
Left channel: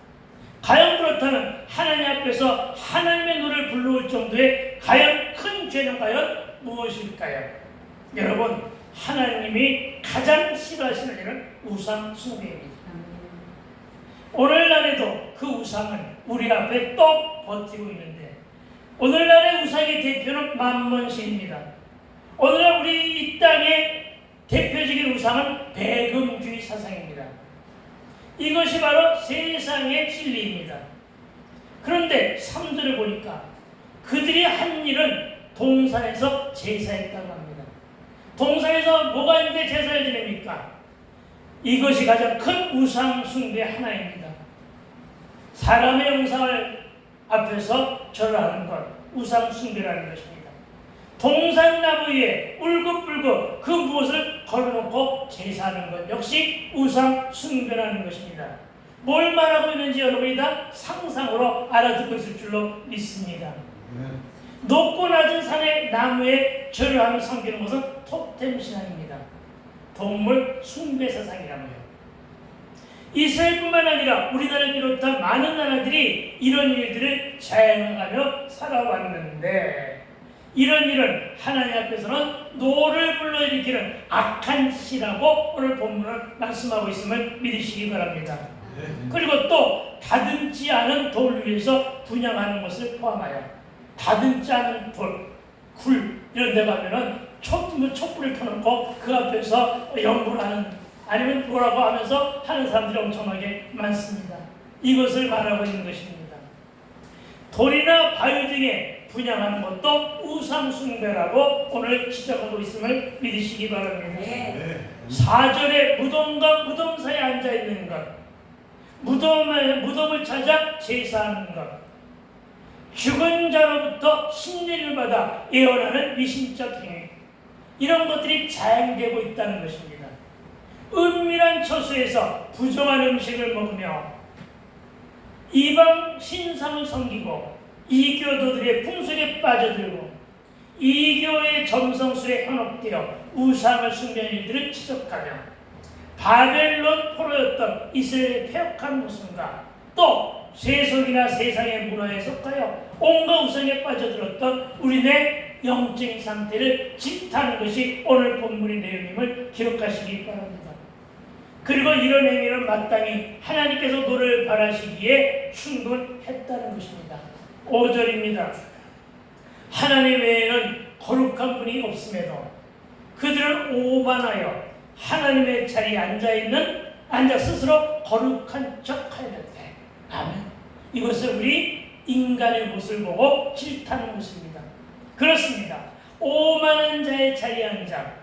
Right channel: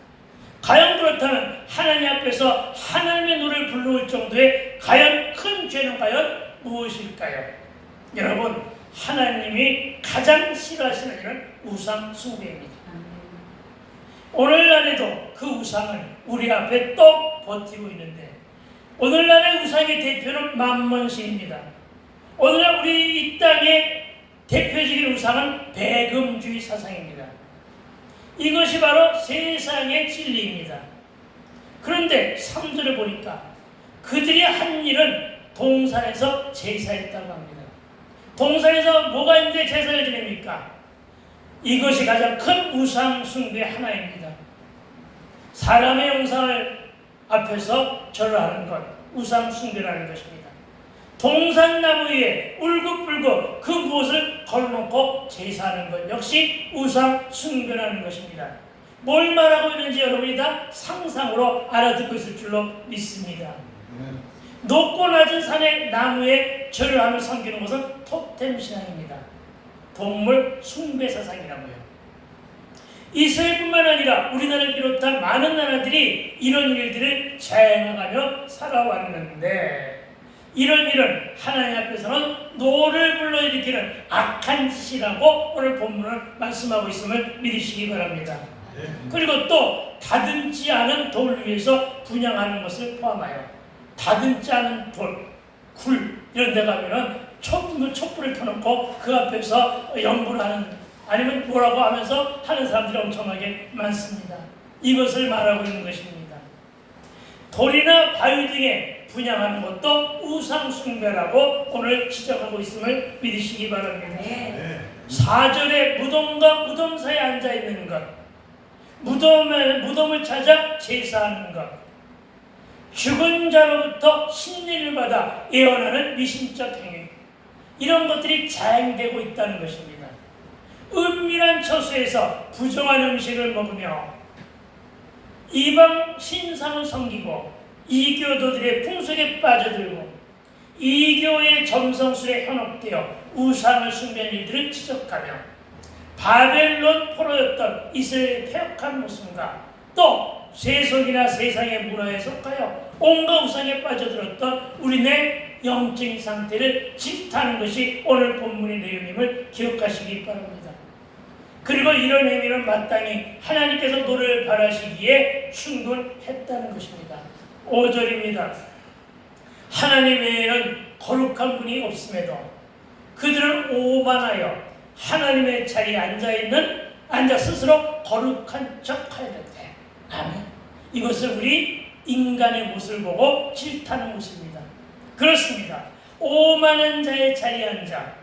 과연 그렇다면 하나님 앞에서 하나님의 노래를 불러올 정도의 과연 큰 죄는 과연 무엇일까요? 여러분, 하나님이 가장 싫어하시는 일은 우상 숭배입니다. 오늘날에도 그 우상은 우리 앞에 또 버티고 있는데, 오늘날의 우상의 대표는 만몬신입니다. 오늘날 우리 이 땅의 대표적인 우상은 배금주의 사상입니다. 이것이 바로 세상의 진리입니다. 그런데 3절을 보니까 그들이 한 일은 동산에서 제사했다고 합니다. 동산에서 뭐가 있는데 제사를 지냅니까? 이것이 가장 큰 우상 숭배의 하나입니다. 사람의 형상을 앞에서 절을 하는 것, 우상 숭배라는 것입니다. 동산나무 위에 울긋불긋 그 무엇을 걸어놓고 제사하는 것 역시 우상 숭배라는 것입니다. 뭘 말하고 있는지 여러분이 다 상상으로 알아듣고 있을 줄로 믿습니다. 높고 낮은 산의 나무에 절을 하며 섬기는 것은 토템 신앙입니다. 동물 숭배 사상이라고요. 이스라엘뿐만 아니라 우리나라를 비롯한 많은 나라들이 이런 일들을 자행하며 살아왔는데, 이런 일은 하나님 앞에서는 노를 불러일으키는 악한 짓이라고 오늘 본문은 말씀하고 있음을 믿으시기 바랍니다. 그리고 또 다듬지 않은 돌 위에서 분향하는 것을 포함하여, 다듬지 않은 돌, 굴 이런 데 가면은 촛불을 켜놓고 그 앞에서 연구를 하는, 아니면 뭐라고 하면서 하는 사람들이 엄청나게 많습니다. 이것을 말하고 있는 것입니다. 돌이나 바위 등에 분향하는 것도 우상 숭배라고 오늘 지적하고 있음을 믿으시기 바랍니다. 4절에 무덤과 무덤 사이에 앉아있는 것, 무덤을 찾아 제사하는 것, 죽은 자로부터 신뢰를 받아 예언하는 미신적 행위, 이런 것들이 자행되고 있다는 것입니다. 은밀한 처소에서 부정한 음식을 먹으며 이방 신상을 섬기고 이교도들의 풍속에 빠져들고 이교의 점성술에 현혹되어 우상을 숭배한 일들을 지적하며 바벨론 포로였던 이스라엘의 폐역한 모습과 또 세속이나 세상의 문화에 속하여 온갖 우상에 빠져들었던 우리네 영적인 상태를 질타하는 것이 오늘 본문의 내용임을 기억하시기 바랍니다. 그리고 이런 행위는 마땅히 하나님께서 노를 바라시기에 충분했다는 것입니다. 5절입니다. 하나님 외에는 거룩한 분이 없음에도 그들은 오만하여 하나님의 자리에 앉아 스스로 거룩한 척하였대. 아멘. 이것은 우리 인간의 모습을 보고 질타하는 모습입니다. 그렇습니다. 오만한 자의 자리에 앉아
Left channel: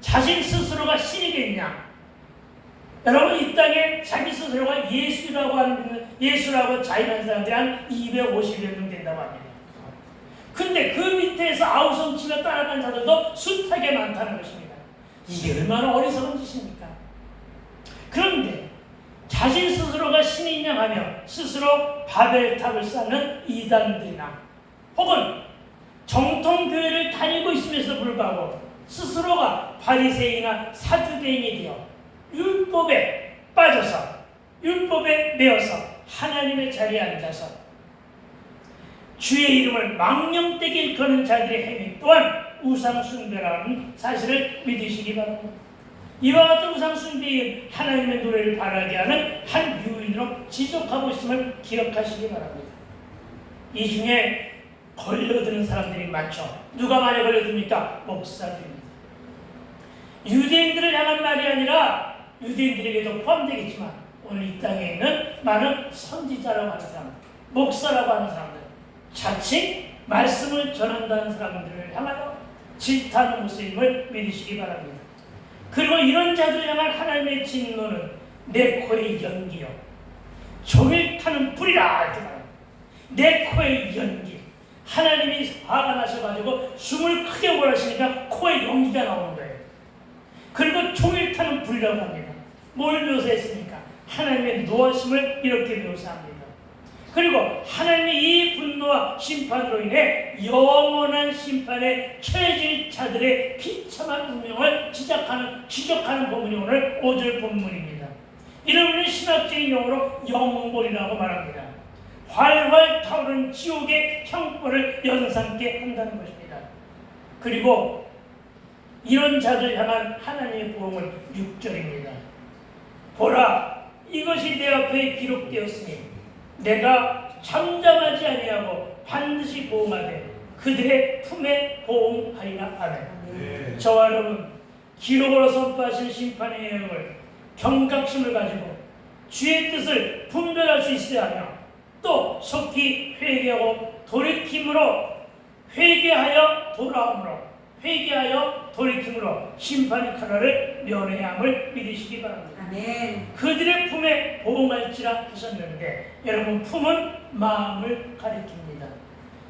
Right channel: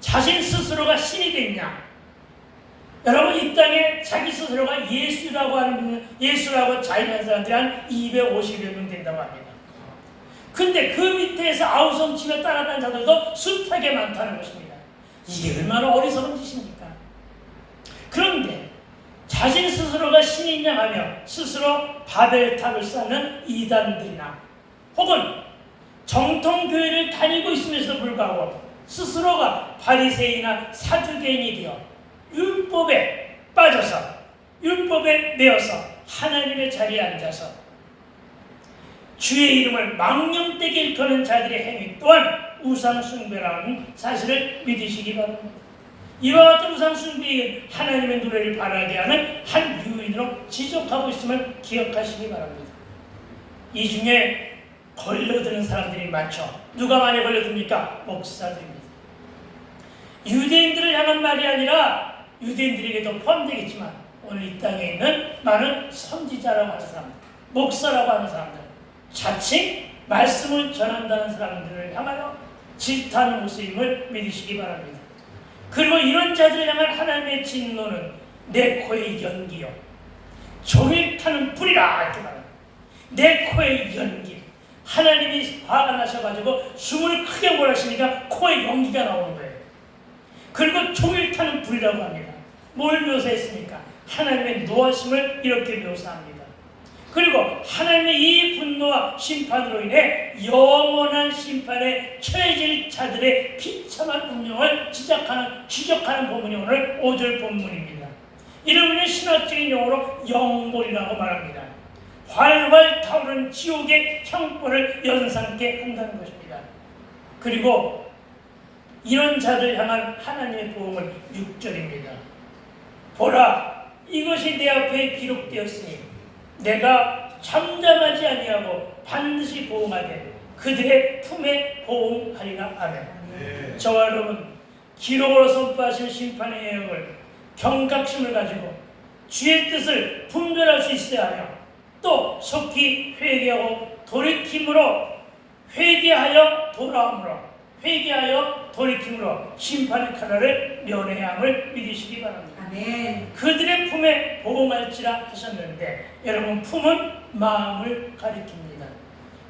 자신 스스로가 신이 됐냐? 여러분, 이 땅에 자기 스스로가 예수라고 자인한 사람들이 한 250여 명 된다고 합니다. 근데 그 밑에서 아우성치며 따라간 자들도 숱하게 많다는 것입니다. 이게 얼마나 어리석은 짓입니까? 그런데 자신 스스로가 신이냐 하며 스스로 바벨탑을 쌓는 이단들이나 혹은 정통교회를 다니고 있음에도 불구하고 스스로가 바리새인이나 사두개인이 되어 율법에 빠져서 율법에 매여서 하나님의 자리에 앉아서 주의 이름을 망령되게 일컫는 자들의 행위 또한 우상 숭배라는 사실을 믿으시기 바랍니다. 이와 같은 우상 숭배인 하나님의 노래를 바라게 하는 한 요인으로 지적하고 있음을 기억하시기 바랍니다. 이 중에 걸려드는 사람들이 많죠. 누가 많이 걸려듭니까? 목사들입니다. 유대인들을 향한 말이 아니라 유대인들에게도 포함되겠지만 오늘 이 땅에 있는 많은 선지자라고 하는 사람들, 목사라고 하는 사람들, 자칭 말씀을 전한다는 사람들을 향하여 질타하는 모습임을 믿으시기 바랍니다. 그리고 이런 자들을 향한 하나님의 진노는 내 코의 연기요, 종일 타는 불이라 이렇게 말합니다. 내 코의 연기. 하나님이 화가 나셔가지고 숨을 크게 몰아쉬니까 코에 연기가 나오는 거예요. 그리고 종일 타는 불이라고 합니다. 뭘 묘사했습니까? 하나님의 노하심을 이렇게 묘사합니다. 그리고 하나님의 이 분노와 심판으로 인해 영원한 심판에 처해질 자들의 비참한 운명을 지적하는 본문이 오늘 5절 본문입니다. 이를 우리는 신학적인 용어로 영몰이라고 말합니다. 활활 타오르는 지옥의 형벌을 연상케 한다는 것입니다. 그리고 이런 자를 향한 하나님의 보응은 6절입니다. 보라, 이것이 내 앞에 기록되었으니 내가 잠잠하지 아니하고 반드시 보응하되 그들의 품에 보응하리라. 아멘. 네. 저와 여러분, 기록으로 선포하신 심판의 예언을 경각심을 가지고 주의 뜻을 분별할 수 있어야 하며 또 속히 회개하고 돌이킴으로 회개하여 돌아옴으로 회개하여 돌이킴으로 심판의 칼날을 면해야 함을 믿으시기 바랍니다. 아멘. 그들의 품에 보응할지라 하셨는데 여러분, 품은 마음을 가리킵니다.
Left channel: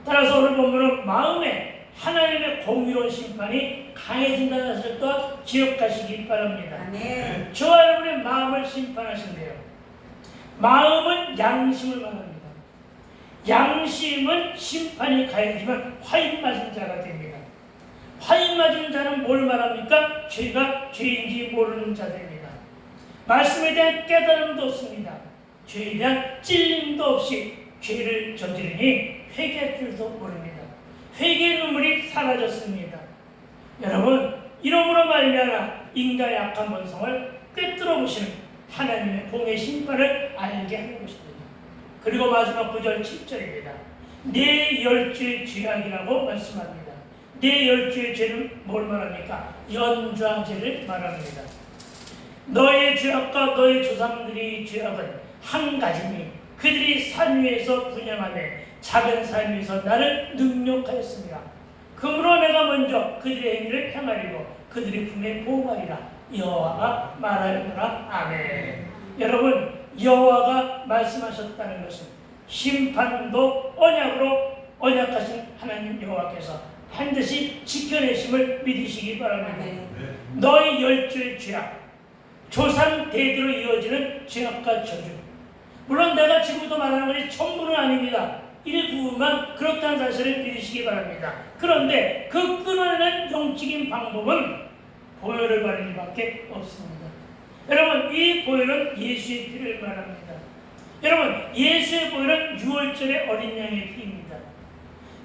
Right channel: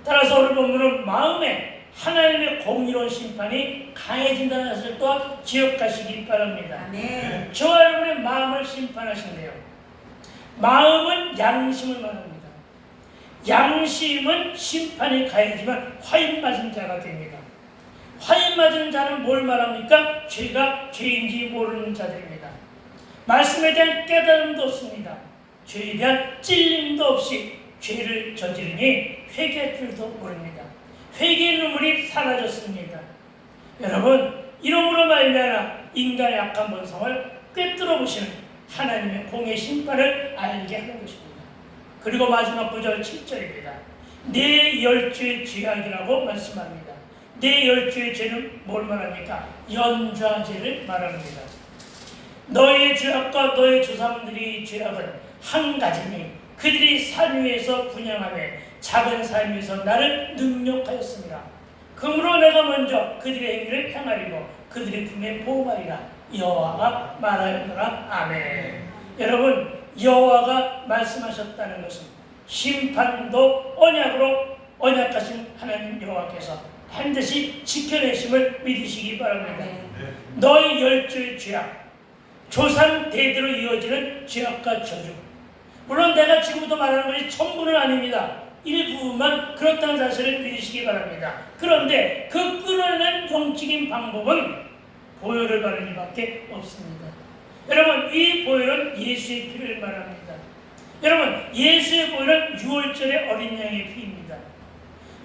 따라서 오늘 본문은 마음에 하나님의 공의로운 심판이 강해진다는 사실 또한 기억하시기 바랍니다. 아멘. 저와 여러분의 마음을 심판하신대요. 마음은 양심을 말합니다. 양심은 심판이 가해지면 화인 맞은 자가 됩니다. 화인 맞은 자는 뭘 말합니까? 죄가 죄인지 모르는 자들입니다. 말씀에 대한 깨달음도 없습니다. 죄에 대한 찔림도 없이 죄를 저지르니 회개할 줄도 모릅니다. 회개의 눈물이 사라졌습니다. 여러분, 이러므로 말미암아 인간의 악한 본성을 꿰뚫어 보시는 하나님의 공의 심판을 알게 하는 것입니다. 그리고 마지막 9절 7절입니다. 내 열주의 죄악이라고 말씀합니다. 내 열주의 죄는 뭘 말합니까? 연좌죄를 말합니다. 너의 죄악과 너의 조상들의 죄악은 한 가지니 그들이 산 위에서 분양하며 작은 산 위에서 나를 능욕하였습니다. 그러므로 내가 먼저 그들의 행위를 향하리고 그들의 품에 보호하리라. 여호와가 말하였노라. 아멘. 여러분, 여호와가 말씀하셨다는 것은 심판도 언약으로 언약하신 하나님 여호와께서 반드시 지켜내심을 믿으시기 바랍니다. 아멘. 너희 열조의 죄악, 조상 대대로 이어지는 죄악과 저주. 물론 내가 지금부터 말하는 것이 전부는 아닙니다. 일부만 그렇다는 사실을 믿으시기 바랍니다. 그런데 그 끊어내는 영적인 방법은 보혈을 바르는 일밖에 없습니다. 여러분, 이 보혈은 예수의 피를 말합니다. 여러분, 예수의 보혈은 유월절의 어린 양의 피입니다.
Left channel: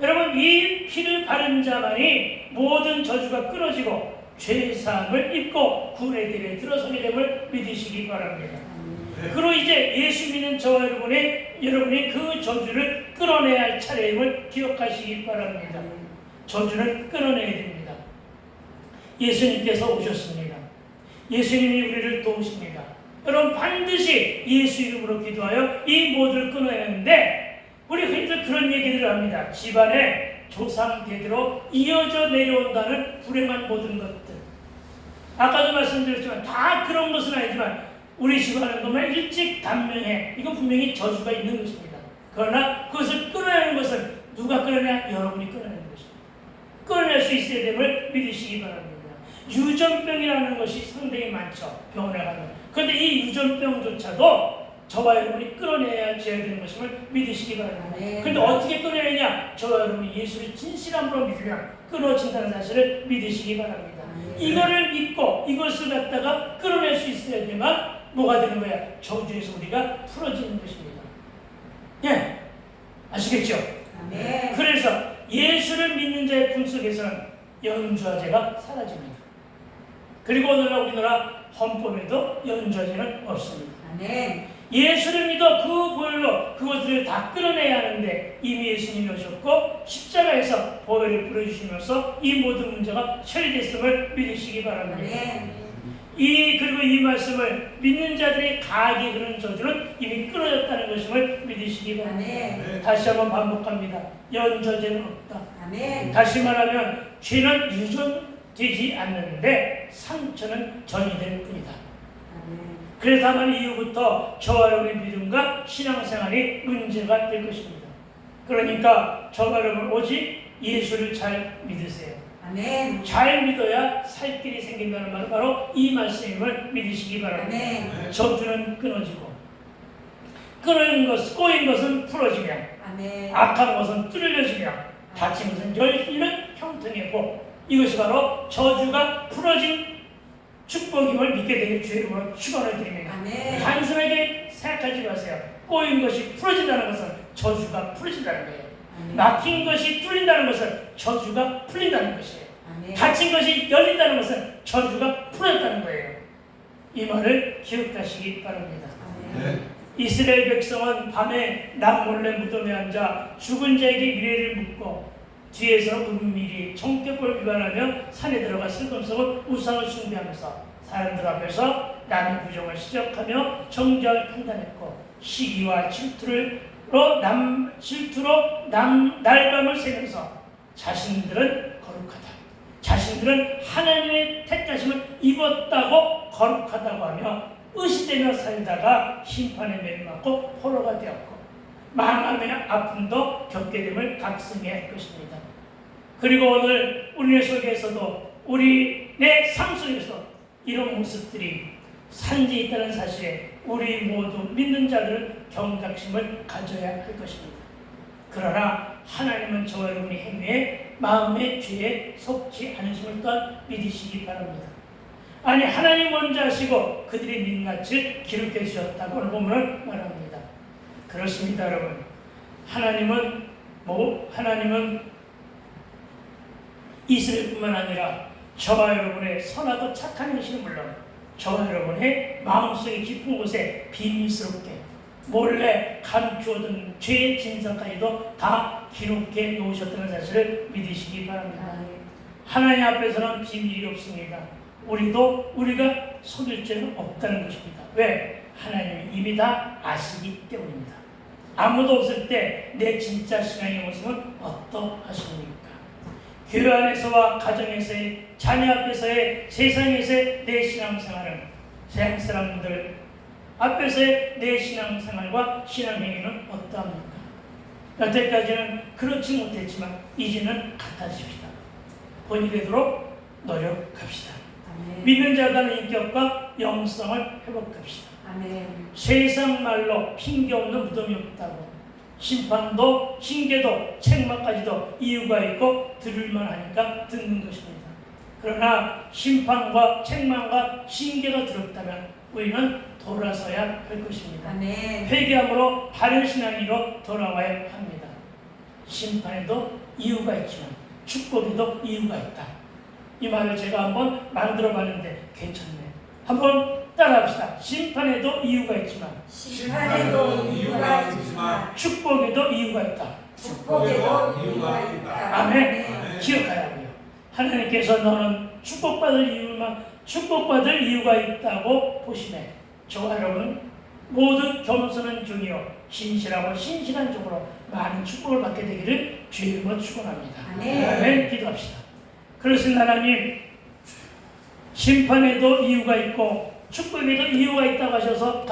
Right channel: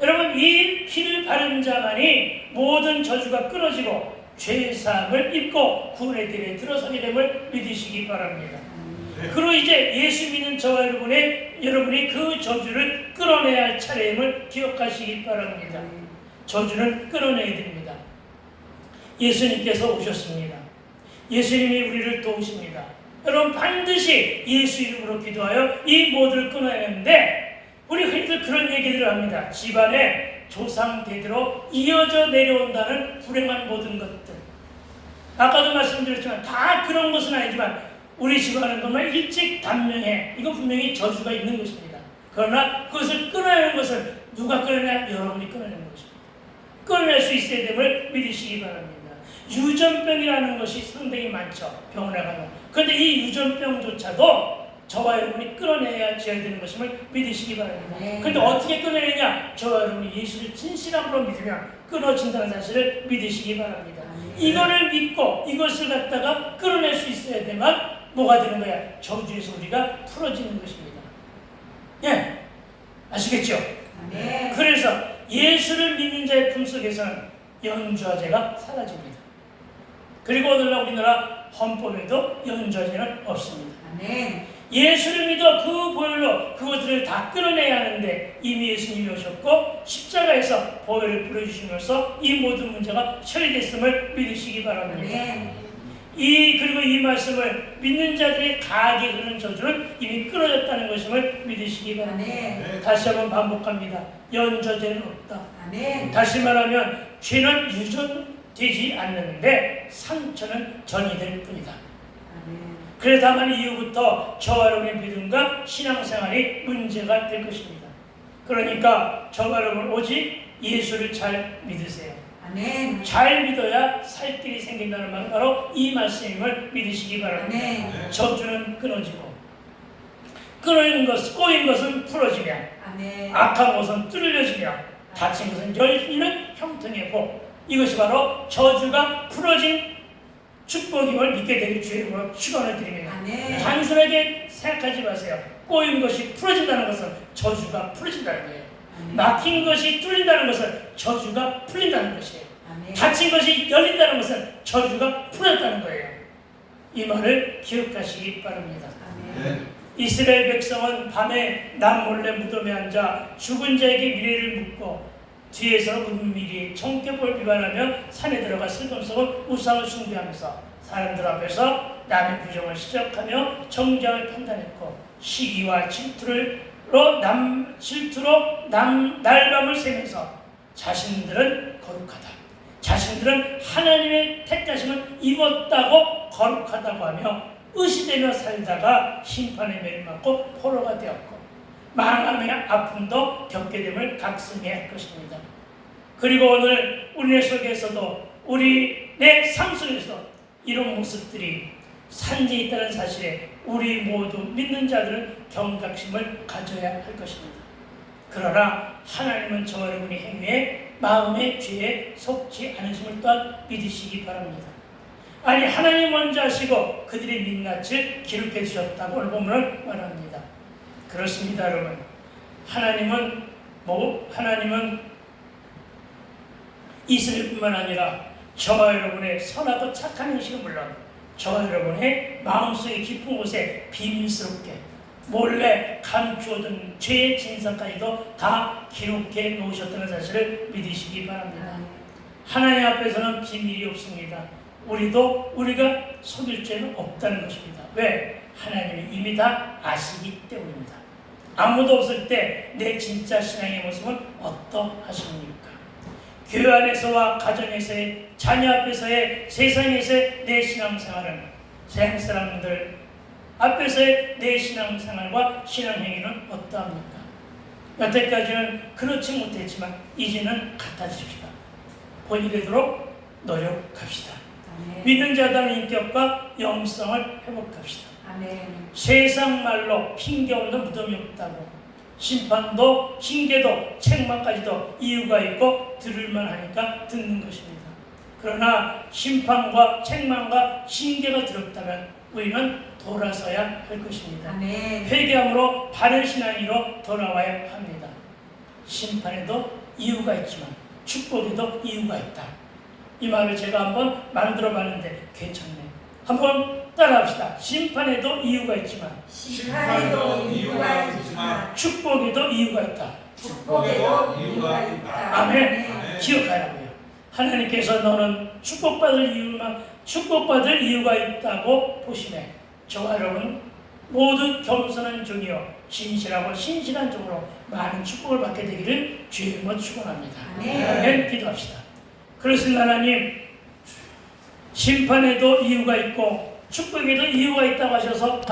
여러분, 이 피를 바른 자만이 모든 저주가 끊어지고 죄사함을 입고 구원의 길에 들어서게 됨을 믿으시기 바랍니다. 그로 이제 예수 믿는 저와 여러분이 그 저주를 끊어내야 할 차례임을 기억하시기 바랍니다. 저주는 끊어내야 됩니다. 예수님께서 오셨습니다. 예수님이 우리를 도우십니다. 여러분, 반드시 예수 이름으로 기도하여 이 모두를 끊어야 하는데 우리 흔히들 그런 얘기들을 합니다. 집안에 조상 대대로 이어져 내려온다는 불행한 모든 것들. 아까도 말씀드렸지만 다 그런 것은 아니지만 우리 집안은 정말 일찍 단명해. 이거 분명히 저주가 있는 것입니다. 그러나 그것을 끊어야 하는 것은 누가 끊어내냐? 여러분이 끊어내는 것입니다. 끊어낼 수 있어야 됨을 믿으시기 바랍니다. 유전병이라는 것이 상당히 많죠. 병원에 가면. 그런데 이 유전병조차도 저와 여러분이 끊어내야 되는 것임을 믿으시기 바랍니다. 그런데 어떻게 끊어내냐? 저와 여러분이 예수를 진실함으로 믿으면 끊어진다는 사실을 믿으시기 바랍니다. 이거를 믿고 이것을 갖다가 끊어낼 수 있어야 되면 뭐가 되는 거야? 저주에서 우리가 풀어지는 것입니다. 예, 아시겠죠? 네. 그래서 예수를 믿는 자의 품속에서는 연좌죄가 사라집니다. 그리고 오늘날 우리나라 헌법에도 연좌죄는 없습니다. 아멘. 예수를 믿어 그 보혈로 그것들을 다 끊어내야 하는데 이미 예수님이 오셨고 십자가에서 보혈을 뿌려주시면서 이 모든 문제가 처리됐음을 믿으시기 바랍니다. 아멘. 그리고 이 말씀을 믿는 자들의 가게 흐르는 저주는 이미 끊어졌다는 것임을 믿으시기 바랍니다. 아멘. 다시 한번 반복합니다. 연좌죄는 없다. 아멘. 다시 말하면 죄는 유전되지 않는데 상처는 전이될 뿐이다. 아멘. 그래서 다만 이후부터 저와 여러분의 믿음과 신앙생활이 문제가 될 것입니다. 그러니까 저와 여러분 오직 예수를 잘 믿으세요. 아멘. 잘 믿어야 살 길이 생긴다는 말 바로 이 말씀임을 믿으시기 바랍니다. 아멘. 저주는 끊어지고 꼬인 것은 풀어지며 아멘. 악한 것은 뚫려지며 다친 것은 열리는 형통의 복. 이것이 바로 저주가 풀어진 축복임을 믿게 되길 주의 이름으로 축원을 드립니다. 아멘. 단순하게 생각하지 마세요. 꼬인 것이 풀어진다는 것은 저주가 풀어진다는 거예요. 아멘. 막힌 것이 뚫린다는 것은 저주가 풀린다는 것이에요. 아멘. 닫힌 것이 열린다는 것은 저주가 풀어졌다는 거예요. 이 말을 기억하시기 바랍니다. 아멘. 네. 이스라엘 백성은 밤에 남몰래 무덤에 앉아 죽은 자에게 미래를 묻고 뒤에서 은밀히 정격을 위반하며 산에 들어가 슬금슬금 우상을 숭배하면서 사람들 앞에서 남의 부정을 시작하며 정죄를 판단했고 시기와 질투로 날밤을 새면서 자신들은 거룩하다, 자신들은 하나님의 택하심을 입었다고 거룩하다고 하며 의시되며 살다가 심판에 매맞고 포로가 되었고 망함의 아픔도 겪게 됨을 각성해야 할 것입니다. 그리고 오늘 우리네 속에서도 우리 내 삶 속에서 이런 모습들이 산지에 있다는 사실에 우리 모두 믿는 자들은 경각심을 가져야 할 것입니다. 그러나 하나님은 저와 여러분의 행위에 마음의 죄에 속지 않으심을 또한 믿으시기 바랍니다. 아니 하나님 먼저 하시고 그들의 민낯을 기록해 주셨다고 오늘 본문을 말합니다. 그렇습니다, 여러분. 하나님은 이스라엘뿐만 아니라 저와 여러분의 선하고 착한 행실은 물론 저와 여러분의 마음속의 깊은 곳에 비밀스럽게 몰래 감추어둔 죄의 진상까지도 다 기록해 놓으셨다는 사실을 믿으시기 바랍니다. 하나님 앞에서는 비밀이 없습니다. 우리가 속일 죄는 없다는 것입니다. 왜? 하나님이 이미 다 아시기 때문입니다. 아무도 없을 때 내 진짜 신앙의 모습은 어떠하십니까? 교회 안에서와 가정에서의 자녀 앞에서의 세상에서의 내 신앙생활은 세상 사람들 앞에서의 내 신앙생활과 신앙행위는 어떠합니까? 여태까지는 그렇지 못했지만 이제는 같아집시다. 본이 되도록 노력합시다. 아멘. 믿는 자다는 인격과 영성을 회복합시다. 아멘. 세상 말로 핑계 없는 무덤이 없다고 심판도 징계도 책망까지도 이유가 있고 들을만 하니까 듣는 것입니다. 그러나 심판과 책망과 징계가 들었다면 우리는 돌아서야 할 것입니다. 아멘. 회개함으로 바른 신앙으로 돌아와야 합니다. 심판에도 이유가 있지만 축복에도 이유가 있다. 이 말을 제가 한번 만들어 봤는데 괜찮네요. 한번 따라합시다. 심판에도 이유가 있지만 심판에도 이유가 있지만 축복에도 이유가 있다. 축복에도 이유가 있다. 아멘. 기억하라고요. 하나님께서 너는 축복받을 이유가 있다고 보시네. 저와 여러분 모두 겸손한 종이요 신실하고 신실한 종으로 많은 축복을 받게 되기를 주님으로 축원합니다. 아멘. 기도합시다. 그러신 하나님, 심판에도 이유가 있고 축복에도 이유가 있다고 하셔서